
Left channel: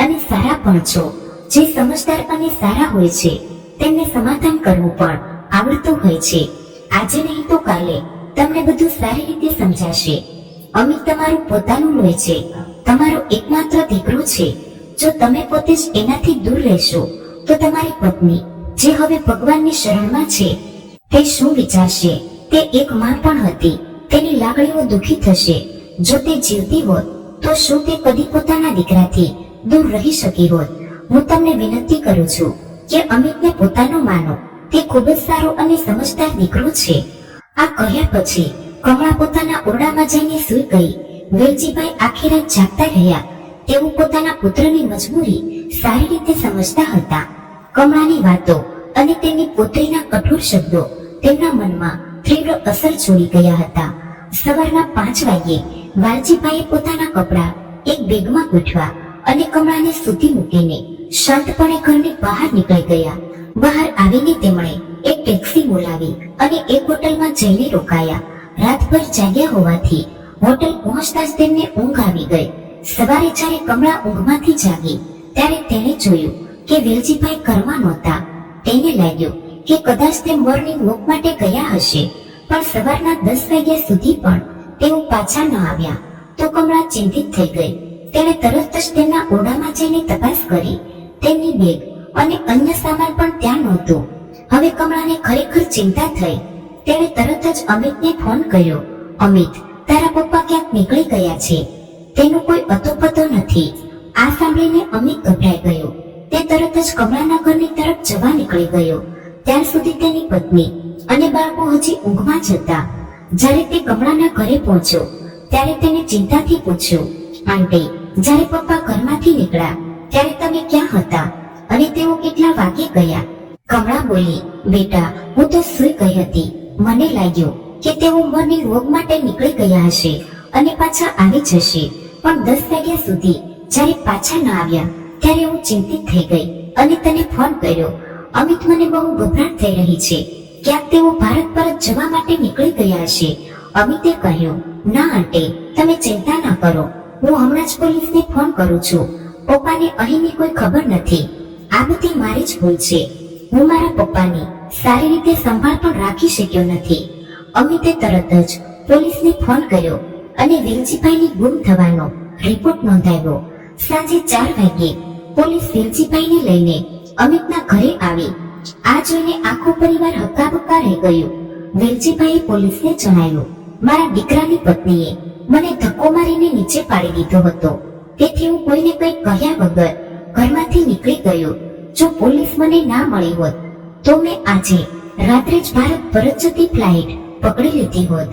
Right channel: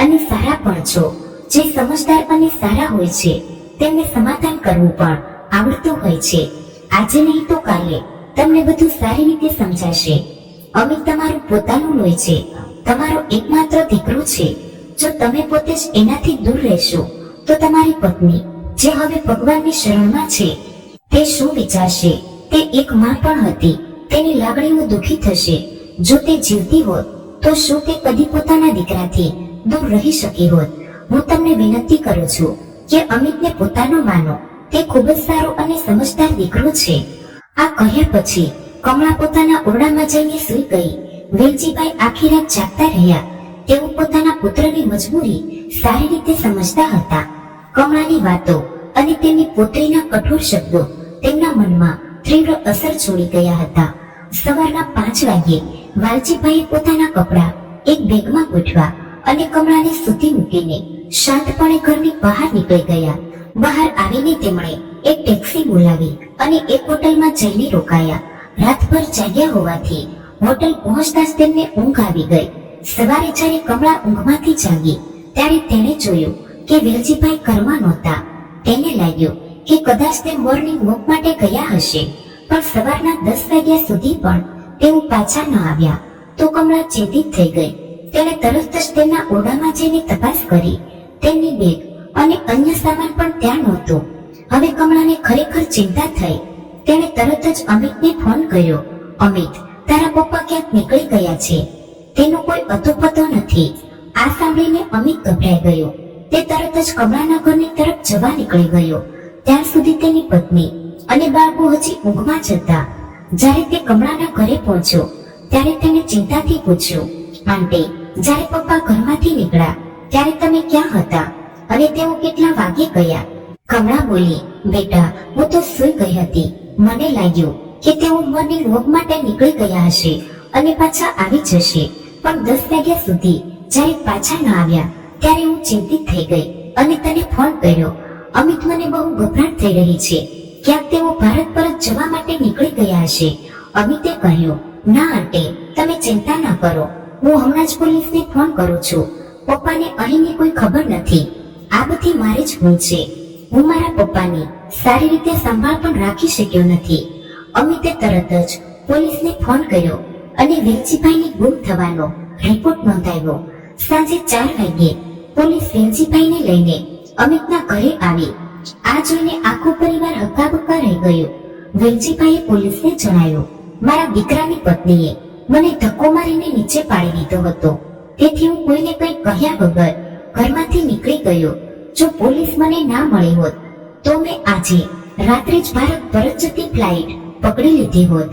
અને સારા પણ છો. જે સમજદાર અને સારા હોય છે તેમને સમાધાન કરવું પણ આવડતું હોય છે. આજે નહીં તો કાલે તમને બધું સારી રીતે સમજાશે. અમિત તમારું પોતાનું લોહી છે, તમારો એકમાત્ર દીકરો છે. જો તમે પોતે જ એનાથી દૂર રહેશો તો તમારી પત્ની જે હવે ભગવાનની શરણમાં છે તે શું વિચારશે? તે એક માં પણ હતી, તેની લાગણીઓ દુખી થશે. જો તે જીવતી હોત તો શું તે કદી પોતાના દીકરાથી દૂર રહી શકી હોત? હું તમને વિનંતી કરું છું કે અમિતને પોતાનો માનો. તે ખૂબ જ સારો અને સમજદાર દીકરો છે. આ કહ્યા પછી કમળા પોતાના ઓરડામાં જઈને સૂઈ ગઈ. વેલજીભાઈ આખી રાત જાગતા રહ્યા. તેઓ પોતાના પુત્રની મજબૂરી સારી રીતે સમજતા હતા. કમળાની વાતો અને તેની પુત્રીના કઠોર શબ્દો તેમના મનમાં તીવ્ર અસર છોડી ગયા હતા. સવારના 5 વાગ્યે વાલજીભાઈએ પોતાના કપડાં એક બેગમાં ગોઠવા અને કમળાને સૂતી મૂકીને શાંતપણે ઘરની બહાર નીકળી ગયા. બહાર આવીને તેમણે એક ટેક્સી બોલાવી અને એક હોટલમાં જઈને રોકાયા. રાતભર જાગ્યા હોવાથી હોટલ પહોંચતા જ તેમને ઊંઘ આવી ગઈ. સવારે જ્યારે કમળા ઊંઘમાંથી જાગી ત્યારે તેણે જોયું કે વેલજીભાઈ ઘરમાં નહોતા. તેને લાગ્યું કે કદાચ તે મોર્નિંગ વોક માટે ગયા હશે, પણ સવારના 10 વાગ્યા સુધી પણ તેઓ પાછા ન આવ્યા. તો કમળા ચિંતિત થઈ ગઈ. તેણે તરત જ તેમના ઓરડામાં જઈને તપાસ કરી. તેમની બેગ અને અન્ય સામાન પણ ત્યાં નહોતું. હવે કમળાને ખરેખર ચિંતા થઈ. તેણે તરત જ અમિતને ફોન કર્યો. અમિત, તારા પપ્પા ક્યાંક નીકળી ગયા છે, તેનો કોઈ અતોપતો નથી. આ સાંભળીને અમિત ગભરાઈ ગયો. તે તરત જ કમળાના ઘરની તરફ જવા નીકળી ગયો. ત્યાર સુધી તેની પત્ની અને બાળકો હજી ઊંઘમાં જ હતા. જ્યારે તે કમળાના ઘરે પહોંચ્યો ત્યારે તેને ચિંતાથી પૂછ્યું, આંટી, જ્યારે પપ્પા ઘરમાંથી નીકળ્યા ત્યારે તમે ક્યાં હતા અને તેઓ કેટલા વાગે ગયા? કમળા બોલી, બેટા, હું તો સૂઈ ગઈ હતી. મને લાગ્યું કે તેઓ મોર્નિંગ વોક માટે નીકળી ગયા હશે અને પાછા આવી જશે, પણ 10 વાગ્યા સુધી જ્યારે પાછા ન આવ્યા ત્યારે હું ચિંતિત થઈ ગઈ અને તને ફોન કર્યો. અમિત, મને બહુ ગભરાટ થઈ રહી છે. ક્યાંક તેઓ ભારત પરત જવા માટે નીકળી ગયા હશે. અમિતે કહ્યું, ના આંટી, તમે ચિંતા ન કરો. હું હમણાં જ પોલીસને ફોન કરું છું. પપ્પાને અહીંની કોઈ ખબર નથી. આ બધી મારી જ ભૂલ છે. હું મારા પપ્પાની સારી રીતે સંભાળ પણ રાખી શક્યો નથી. અમિતે તરત જ પોલીસને ફોન કર્યો અને વેલજીભાઈની ગુમ થવાનો રિપોર્ટ નોંધાવ્યો. સાંજે 4 વાગ્યે પોલીસ વેલજીભાઈને લઈને અમિતના ઘરે આવી. આ જોઈને આખો પરિવાર હક્કાબક્કા રહી ગયો. વેલજીભાઈએ પોલીસને જણાવ્યું, મારા દીકરાની પત્નીએ મને ધક્કો મારીને નીચે પાડી દીધો હતો, તેથી હું કોઈને કંઈ કહ્યા વગર ઘરમાંથી નીકળી ગયો. જો પોલીસ મને ના મળી હોત તો મેં આજે રાત્રે જ ભારત પરત જતી ફ્લાઇટ પકડી લીધી હોત.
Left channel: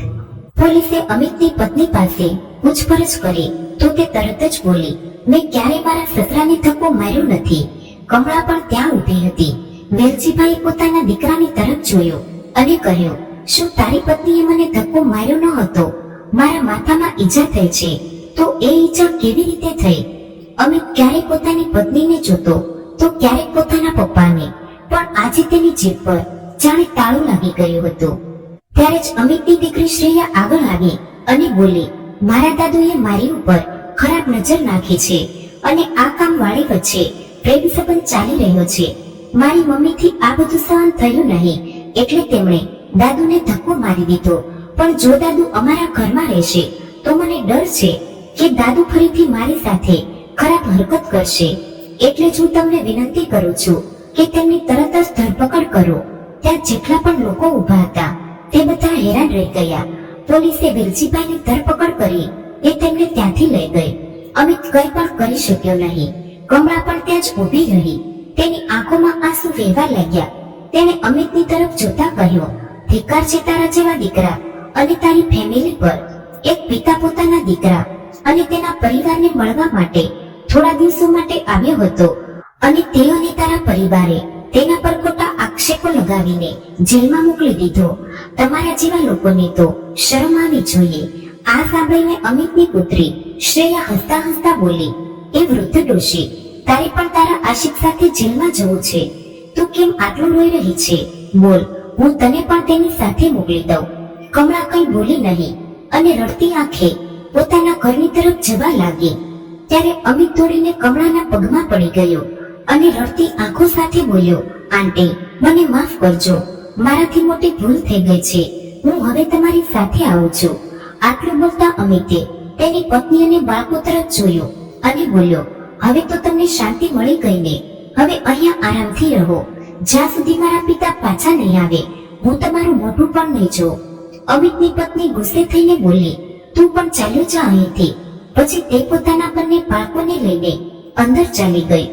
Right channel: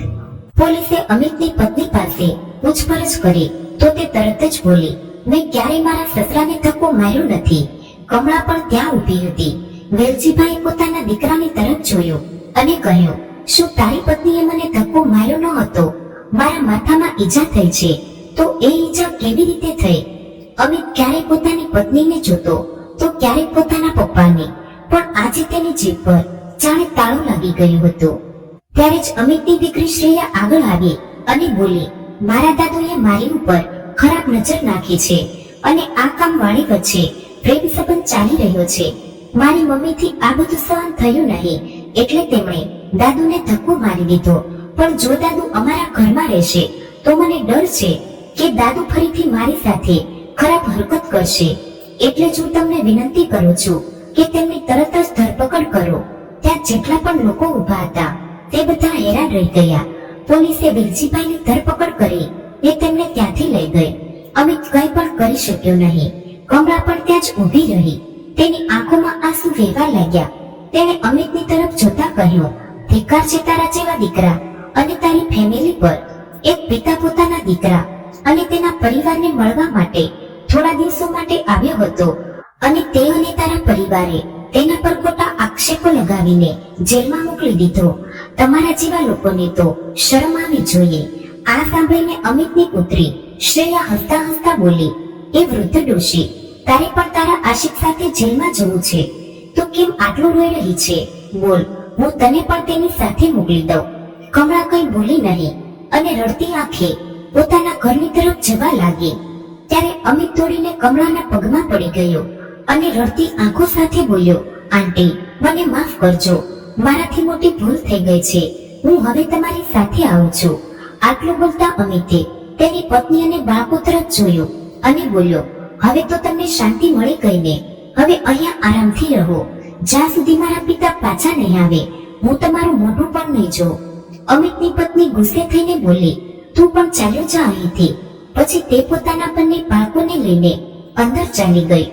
પોલીસે અમિતની પત્ની પાસે પૂછપરછ કરી તો તે તરત જ બોલી, મેં ક્યારેય મારા સસરાને ધક્કો માર્યો નથી. કમળા પણ ત્યાં ઊભી હતી. વેલજીભાઈએ પોતાના દીકરાની તરફ જોયો અને કહ્યું, શું તારી પત્નીએ મને ધક્કો માર્યો ન હતો? મારા માથામાં ઈજા થઈ છે, તો એ ઈજા કેવી રીતે થઈ? અમિત ક્યારેક પોતાની પત્નીને જોતો તો ક્યારેક પોતાના પપ્પાને, પણ આજે તેની જીભ પર જાણે તાળું લાગી ગયું હતું. ત્યારે જ અમિતની દીકરી શ્રેયા આગળ આવી અને બોલી, મારા દાદુએ મારી ઉપર ખરાબ નજર નાખી છે અને આ કામ વાળી વચ્ચે પ્રેમ સંબંધ ચાલી રહ્યો છે. મારી મમ્મીથી આ બધું સહન થયું નહીં, એટલે તેમણે દાદુને ધક્કો મારી દીધો. પણ જો દાદુ અમારા ઘરમાં રહેશે તો મને ડર છે કે દાદુ ફરીથી મારી સાથે ખરાબ હરકત કરશે. એટલે જ હું તમને વિનંતી કરું છું કે તેમની તરત જ ધરપકડ કરો. ત્યાં જેટલા પણ લોકો ઊભા હતા તે બધા હેરાન રહી ગયા. પોલીસે વેલજીભાઈની ધરપકડ કરી એ તેમને ત્યાંથી લઈ ગઈ. અમિત કંઈ પણ કરી શક્યો નહીં. કમળા પણ ત્યાં જ ઊભી રહી. તેની આંખોમાં આંસુ વહેવા લાગ્યા. તેણે અમિતની તરફ જોતા કહ્યું, ધિક્કાર છે તારા જેવા દીકરા અને તારી ફેમિલી પર. એક પિતા પોતાના દીકરા અને તેના પરિવારને મળવા માટે થોડા દિવસો માટે આવ્યો હતો અને તે અને તારા પરિવારે તેના પર ખોટા આક્ષેપો લગાવીને જેલમાં મોકલી દીધો. તમારા જેવા લોકોને તો શરમ આવી જોઈએ. આ સાંભળીને અમિતની પુત્રી શ્રેયા હસતા હસતા બોલી, એ વૃદ્ધ ડોશી, તારે પણ તારા આશિક સાથે જેલમાં જવું છે. તું કેમ આટલું રોઈ રહી છે? બોલ, હું તને પણ તેની સાથે મોકલી દઉં. કમળા કંઈ બોલી નહીં અને રડતી આંખે પોતાના ઘરની તરફ જવા લાગી. ત્યારે અમિત દોડીને કમળાના પગમાં પડી ગયો અને રડતી આંખો સાથે બોલ્યો, આંટી, મને માફ કરજો, મારાથી મોટી ભૂલ થઈ ગઈ છે. હું હવે તમારી સાથે આવું છું. આટલું બોલતા અમિતે તેની પત્ની અને બાળકો તરફ જોયું અને બોલ્યો, હવે તો તમને શાંતિ મળી ગઈ ને? હવે અહીંયા આરામથી રહો. જ્યાં સુધી મારા પિતા પાછા નહીં આવે, હું તમારું મોઢું પણ નહીં જોઉં. અમિતની પત્ની ગુસ્સે થઈને બોલી, તું પણ ચાલ્યો જા અહીંથી. પછી તે પોતાના બંને બાળકોને લઈને અંદર ચાલી ગઈ.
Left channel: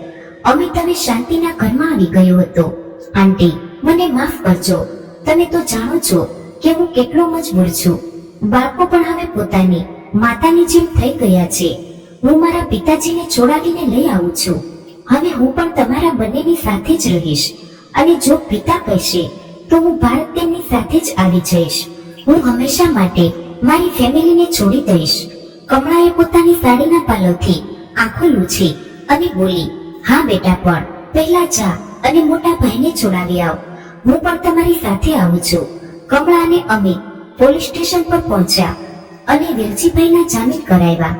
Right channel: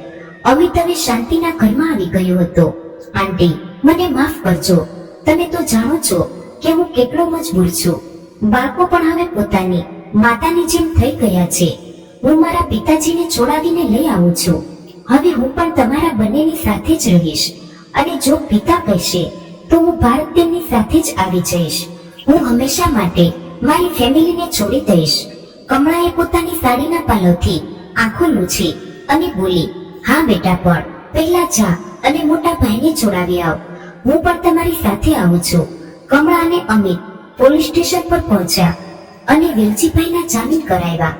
અમિત હવે શાંતિના ઘરમાં આવી ગયો હતો. આંટી, મને માફ કરજો. તમે તો જાણો છો કે હું કેટલો મજબૂર છું. બાળકો પણ હવે પોતાની માતાની જેમ થઈ ગયા છે. હું મારા પિતાજીને છોડાવીને લઈ આવું છું. હવે હું પણ તમારા બંનેની સાથે જ રહીશ અને જો પિતા કહેશે તો હું ભારત તેમની સાથે જ આવી જઈશ. હું હંમેશા માટે મારી ફેમિલીને છોડી દઈશ. કમળાએ પોતાની સાડીના પાલવથી આંખો લૂછી અને બોલી, હા બેટા, પણ પહેલા જા અને મોટા ભાઈને જોડાવી આવ. હું પણ તમારી સાથે આવું છું. કમળા અને અમિત પોલીસ સ્ટેશન પર પહોંચ્યા અને વેલજીભાઈના જામીન કરાવ્યા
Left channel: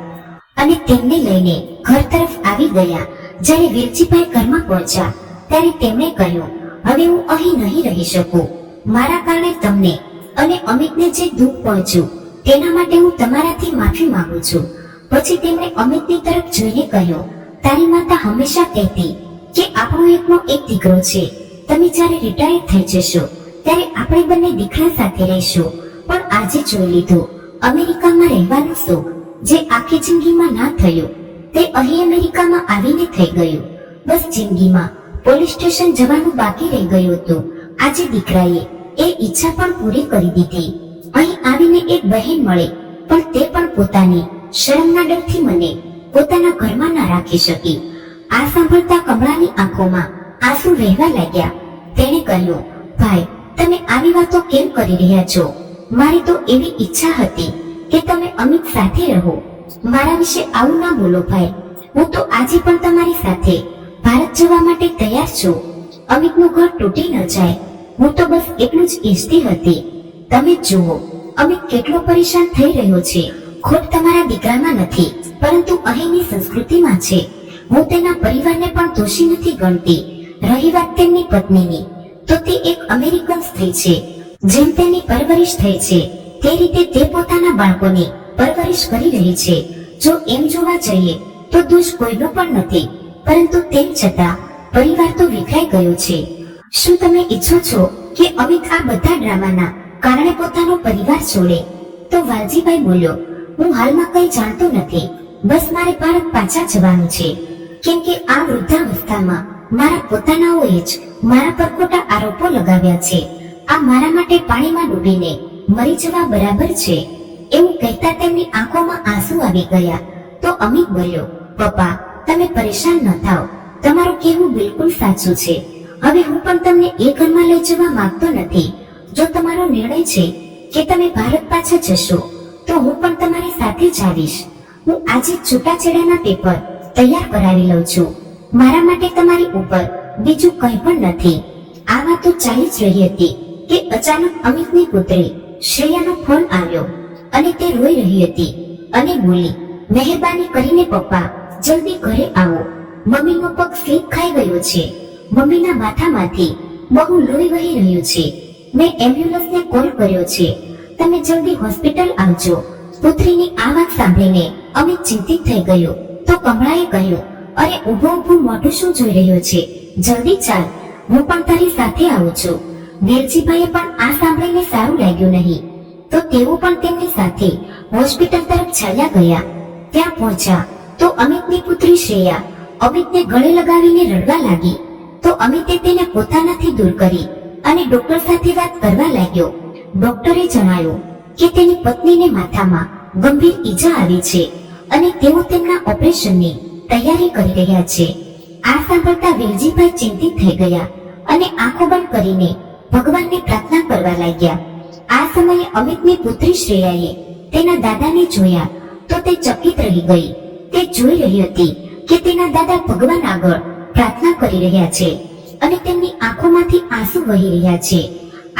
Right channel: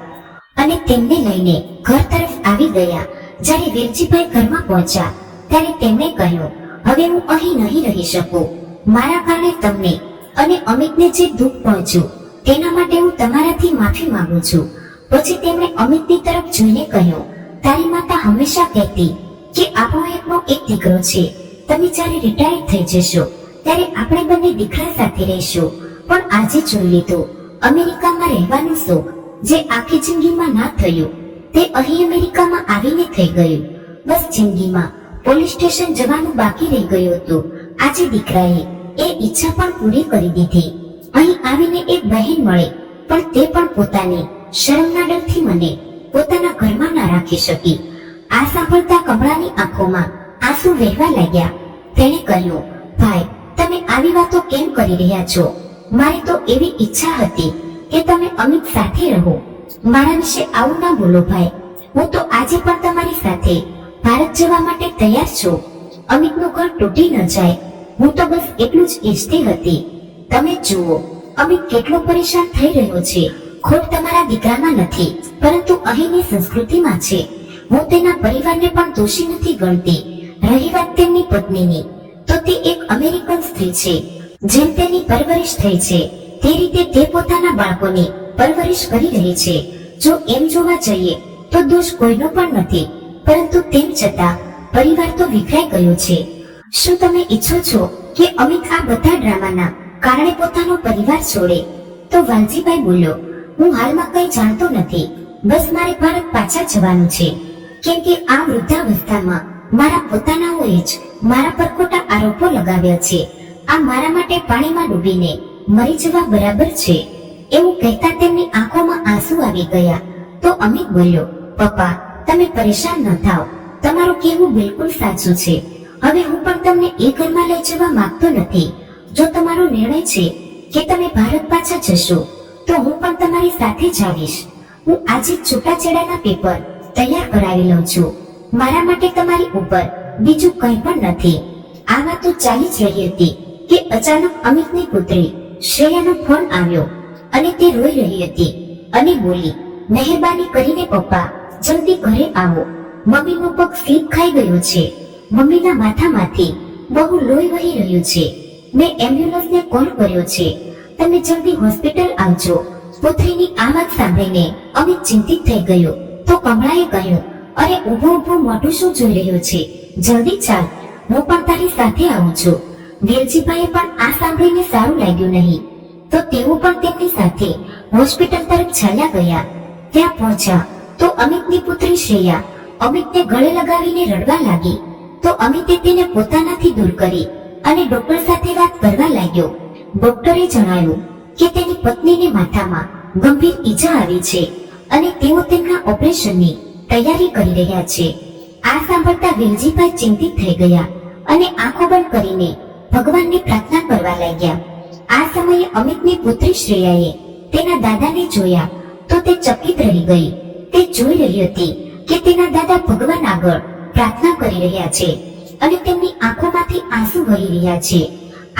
અને તેમને લઈને ઘર તરફ આવી ગયા. જ્યારે વેલજીભાઈ ઘરમાં પહોંચ્યા ત્યારે તેમણે કહ્યું, હવે હું અહીં નહીં રહી શકું. મારા કારણે તમને અને અમિતને જે દુઃખ પહોંચ્યું તેના માટે હું તમારાથી માફી માંગુ છું. પછી તેમણે અમિતની તરફ જોઈને કહ્યું, તારી માતા હંમેશા કહેતી કે આપણો એકનો એક દીકરો છે. તમે જ્યારે રિટાયર થઈ જશો ત્યારે આપણે બંને દીકરા સાથે રહીશું. પણ આજે જોઈ લીધું, અમેરિકામાં રહેવાનું સુખ જે આખી જિંદગીમાં ના થયું તે અહીં અમેરિકામાં આવીને થઈ ગયું. બસ જિંદગીમાં પોલીસ સ્ટેશન જવાનું બાકી રહી ગયું હતું. આજે દીકરાએ એ ઈચ્છા પણ પૂરી કરી દીધી. અહીં આવીને એક બહેન મળે પણ તે પણ પોતાની શરમના ડરથી મને પોતાના ઘરમાં ના રાખી શકી. આ સાંભળતા કમળાની આંખોમાં આંસુ વહેવા લાગ્યા. તેણે કહ્યું, ભાઈ, તમે આવી વાતો કેમ કરી રહ્યા છો? મારી તો એવી ઈચ્છા હતી કે તમે અમિત સાથે રહો. મારા વિશે આવું ના બોલો ભાઈ. હું તો આજે પણ તમારી સાથે ભારત જવા માટે તૈયાર છું. અમિતનું ઘર તૂટી ન જાય, હું તો બસ એટલું જ ઈચ્છતી હતી. તમે જુઓ, અમિત કેટલો પરેશાન થઈ રહ્યો છે. ખોટ તમારા દીકરામાં નથી, પરંતુ અહીંની સંસ્કૃતિમાં છે. હું તેના પરિવારને પણ દોષી નથી ગણતી. રહી વાત તેમની પત્નીની, તો તે એક અમેરિકન સ્ત્રી છે. જેમ તેની પરવરિશ થઈ છે તે રીતે તે પોતાના બાળકોની પરવરિશ કરી રહી છે. જો એમ જોવા જઈએ તો દોષ કોઈનો પણ નથી, પરંતુ તેમ છતાં પરિવાર તો વિખરાઈ ગયો છે. શું તમે ઈચ્છો છો કે અમિત આ બધા ડ્રામાના કારણે પોતાનો પરિવાર છોડે? તો વાલજીભાઈ બોલ્યો, હું હાલમાં કંઈ જાણતો નથી. બસ મારે ભારત પાછા જવાનું છે, કેમ કે આ વૃદ્ધાવસ્થામાં મારા પોતાનાઓએ જ મારા પર ખોટા આરોપો લગાવ્યા છે. આ મારા માટે પાણીમાં ડૂબીને મરી જવા બરાબર છે. એવું કહેતા તેમની આંખોમાં આંસુ આવી ગયા. તો અમિત બોલ્યો, પપ્પા, તમે પરેશાન ન થાઓ. તમારું કહેવું બિલકુલ સાચું છે. હવે હું પણ તમને એ ઘરમાં લઈ જવા માંગતો નથી. જો તમારો નિર્ણય છે કે તમે ભારત પાછા જશો તો હું પણ તમારી સાથે જ આવીશ. હું આજે છૂટાછેડાના પેપર તૈયાર કરાવી લઉં છું. મારા માટે તમારી ઉપર બીજું કંઈ પણ નથી. આ વાતો ચાલી જ રહી હતી કે અચાનક અમિતની પુત્રી શ્રેયાનો ફોન આવ્યો અને તે રોઈ રહી હતી અને બોલી, મહેરબાની કરીને પપ્પા, જલ્દી ઘરે આવો. મમ્મીનો પગ સ્લીપ ખાઈ ગયો છે. મમ્મીના માથામાંથી બહુ લોહી વહી રહ્યું છે. મેં એમ્બ્યુલન્સને કોલ કર્યો છે. તમે જલ્દી હોસ્પિટલ આવજો. પુત્રીની આ વાત સાંભળીને અમિત ચિંતિત થઈ ગયો. તો કમળાએ કહ્યું, અરે ઊભો ઊભો મોઢું શું જોઈ રહ્યો છે? જલ્દી ચાલ, હું પણ તારી સાથે આવું છું. વેલજીભાઈએ પણ આ સાંભળીને સારું લાગ્યું નહીં, તો તેઓ પણ તેમની સાથે હોસ્પિટલ તરફ ચાલ્યા ગયા. ત્યાં પહોંચ્યા તો અમિતની પુત્રી શ્રેયા અમિતને ગળે લગાવીને રડવા લાગી. તો અમિતે તેને પોતાનાથી દૂર કરી અને ડોક્ટર સાથે વાત કરવા લાગ્યો. ડોક્ટરે જણાવ્યું કે તેની પત્નીને માથામાં ગંભીર ઈજા આવી છે અને તેઓ તેમના ઓપરેશનની તૈયારી કરી રહ્યા છે. આ સાંભળતા વેલજીભાઈ ચિંતિત થઈ ગયા અને આંખો બંધ કરીને ભગવાનની પ્રાર્થના કરવા લાગ્યા. આ સમયે અમિતની પુત્રી શ્રેયાએ તેના દાદાને જોયા તો તે ચકિત રહી ગઈ. તે જોઈ રહી હતી કે તેના દાદા ભગવાન આગળ પ્રાર્થના કરી રહ્યા છે અને તેમની આંખોમાંથી આંસુ વહી રહ્યા છે.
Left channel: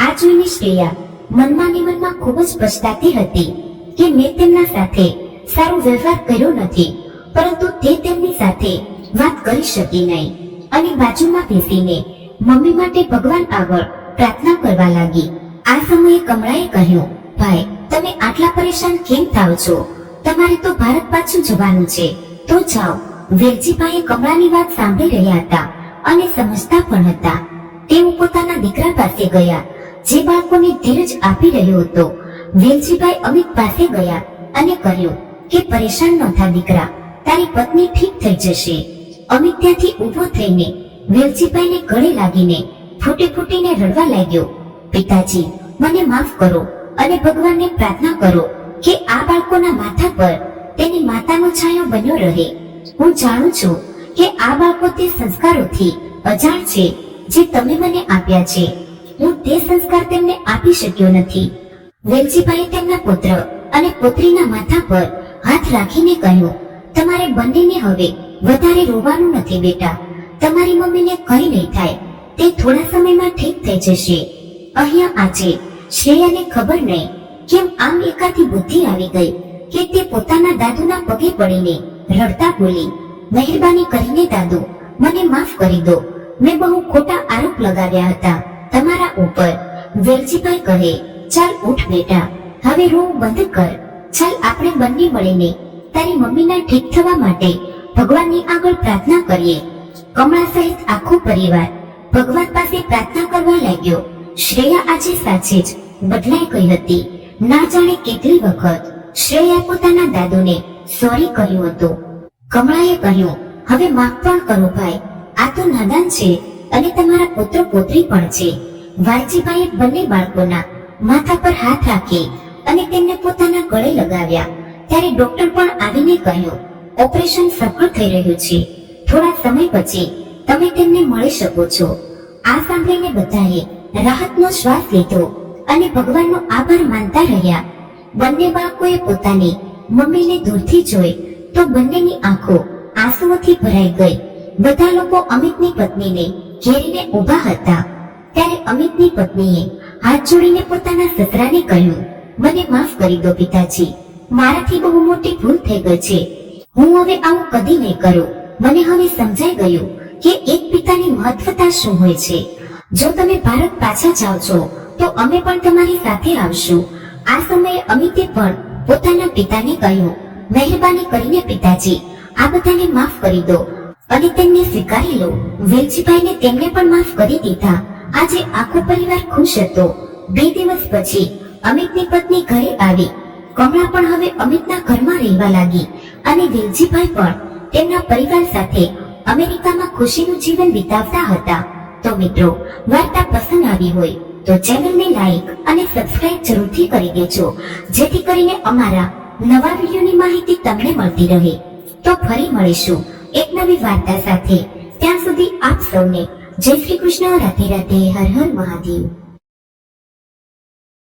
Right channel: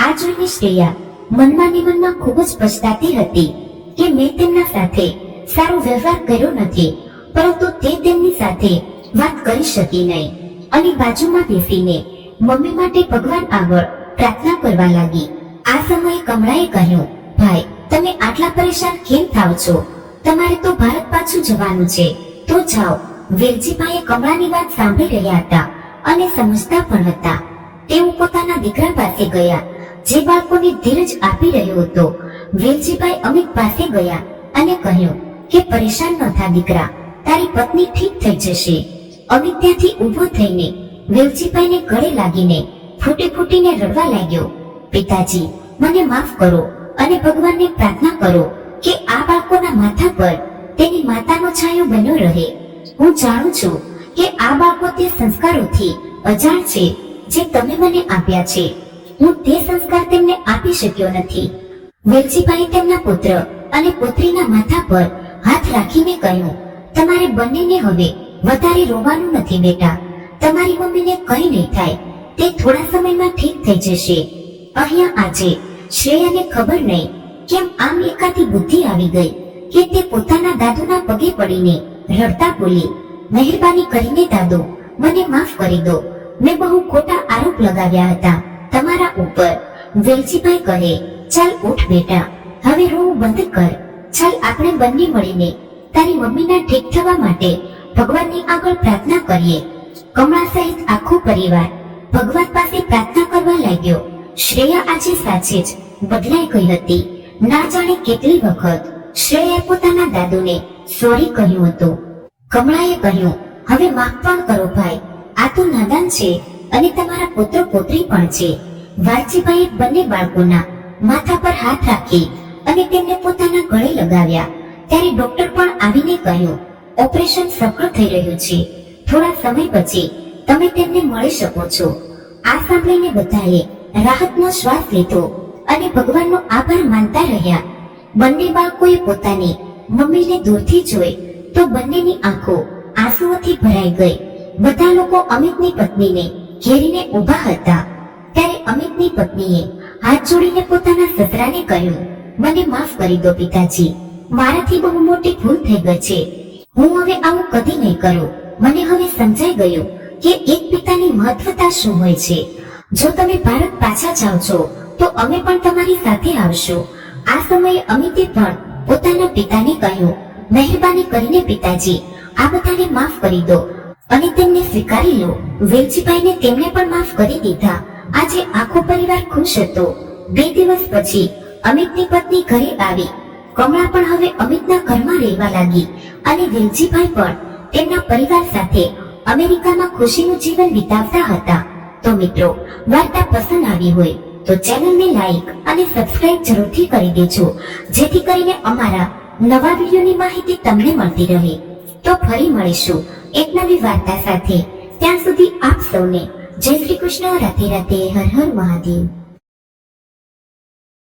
આ જોઈને શ્રેયા મનમાં ને મનમાં ખૂબ જ પછતાતી હતી કે મેં તેમના સાથે સારો વ્યવહાર કર્યો નથી, પરંતુ તે તેમની સાથે વાત કરી શકી નહીં અને બાજુમાં બેસીને મમ્મી માટે ભગવાન આગળ પ્રાર્થના કરવા લાગી. આ સમયે કમળાએ કહ્યું, ભાઈ તમે આટલા પરેશાન કેમ થાવ છો? તમારે તો ભારત પાછું જવાનું છે, તો જાઓ. વેલજીભાઈએ કમળાની વાત સાંભળી રહ્યા હતા અને સમજતા પણ હતા. તેઓ પોતાના દીકરા પાસે ગયા જે બાળકોને ધીરજ આપી રહ્યો હતો. વેલજીભાઈ અમિત પાસે ગયા અને કહ્યું કે પરેશાન ન થા દીકરા, તારી પત્ની ઠીક થઈ જશે. અમિત ત્યાંથી ઊભો થઈને વેલજીભાઈને ગળે લાગીને ફૂટી ફૂટીને રડવા લાગ્યો. પિતાજી મને માફ કરો અને ભગવાનને પ્રાર્થના કરો કે આ બાળકોના માથા પર તેની માતાનો છાંયો બન્યો રહે. હું જાણું છું કે આ બાળકો તે સંસ્કારોથી અજાણ છે જે તમે મને આપ્યા છે. હું તે સંસ્કાર તેમને આપી શક્યો નથી. વેલજીભાઈએ તેમના પુત્ર અને પુત્રીના માથા પર હાથ રાખીને કહ્યું, તમારે બંનેને હવે વધારે રોવાનું નથી બેટા. તમારી મમ્મીને કંઈ નહીં થાય, તે થોડા સમયમાં ઠીક થઈ જશે. અહીંયા આજે શ્રેયાને ખબર નહીં કેમ આમ એકાથી બુદ્ધિ આવી ગઈ કે તે પોતાના દાદુના પગે પડીને રડતા બોલી, મહેરબાની કરીને દાદુ મને માફ કરી દો. મેં બહુ ખોટા આરોપ લગાવ્યા હતા તમારા ઉપર. વેલજીભાઈ કહે, ચાલ ઉઠ બેટા, હવે રોવું બંધ કર. ચાલ આપણે બંને મળીને તારી મમ્મીના ઠીક થવા માટે ભગવાનની આગળ પ્રાર્થના કરીએ. કમળા સહિત આખો પરિવાર ભગવાન પાસે પ્રાર્થના કરવા લાગ્યો. શ્રેયા આજે સાચે જ બદલાઈ ગઈ હતી. ના જાણે કેટલી વખત શ્રેયાએ પોતાના દાદુને સોરી કહ્યું હતું. કમળાએ કહ્યું, હવે માફ પણ કરો ભાઈ, આ તો નાદાન છે અને તમારા પુત્ર પુત્રી પણ છે. વાલજીભાઈએ બંને બાળકોના માથા પર હાથ રાખી અને તેમને પોતાના ગળે લગાવ્યા. ત્યારે ડોક્ટર પણ આવીને કહ્યું, ઓપરેશન સફળ થઈ રહ્યું છે. થોડા સમય પછી તમે તેમને મળી શકો છો. આ સાંભળીને બધાએ રાહતનો શ્વાસ લીધો અને ભગવાનનો આભાર માનતા રહ્યા. બંને બાળકોએ પોતાની મમ્મીને દૂરથી જોઈ તો બંનેની આંખો આંસુઓથી ભરાઈ ગઈ. બધા લોકો અમિતની પત્નીને ઘેરીને ઊભા હતા. ત્યારે અમિતની પત્નીએ હાથ જોડીને પોતાના સસરાને કહ્યું, મને માફ કરી દો પિતાજી, મારાથી બહુ મોટી ભૂલ થઈ ગઈ છે. હું હવે આવું કદી નહીં કરું. મને હવે સમજાઈ ગયું કે એક પિતાની મહત્વતા શું હોય છે. જો તમે ભારત પાછા જાઓ છો તો અમે પણ તમારી સાથે આવશું. આ સમયે અમિતે પણ પોતાના પિતાને કહ્યું, મહેરબાની કરીને પિતાજી આ બધાને માફ કરી દો અને તેમને સ્વીકારી લો. વેલજીભાઈને તેમને પણ માફ કરી દીધા. આજે આખો પરિવાર ખુશ હતો. 2 દિવસ પછી અમિતની પત્ની ઘરે આવી. કમળા પણ હવે અમિતના ઘરમાં રહેવા લાગી અને વેલજીભાઈ પણ તેમના પરિવાર સાથે અમેરિકામાં ખુશીનું જીવન વિતાવતા હતા. તો મિત્રો, વાર્તા પસંદ આવી હોય તો ચેનલને લાઈક અને સબસ્ક્રાઇબ જરૂરથી કરી દેજો, જેથી કરીને અમારા નવા વિડીયોની માહિતી તમને મળતી રહે. તો ફરી મળીશું એક નવી વાર્તા સાથે. ત્યાં સુધી આપ સૌને જય શ્રી કૃષ્ણ, રાધે રાધે, હર હર મહાદેવ.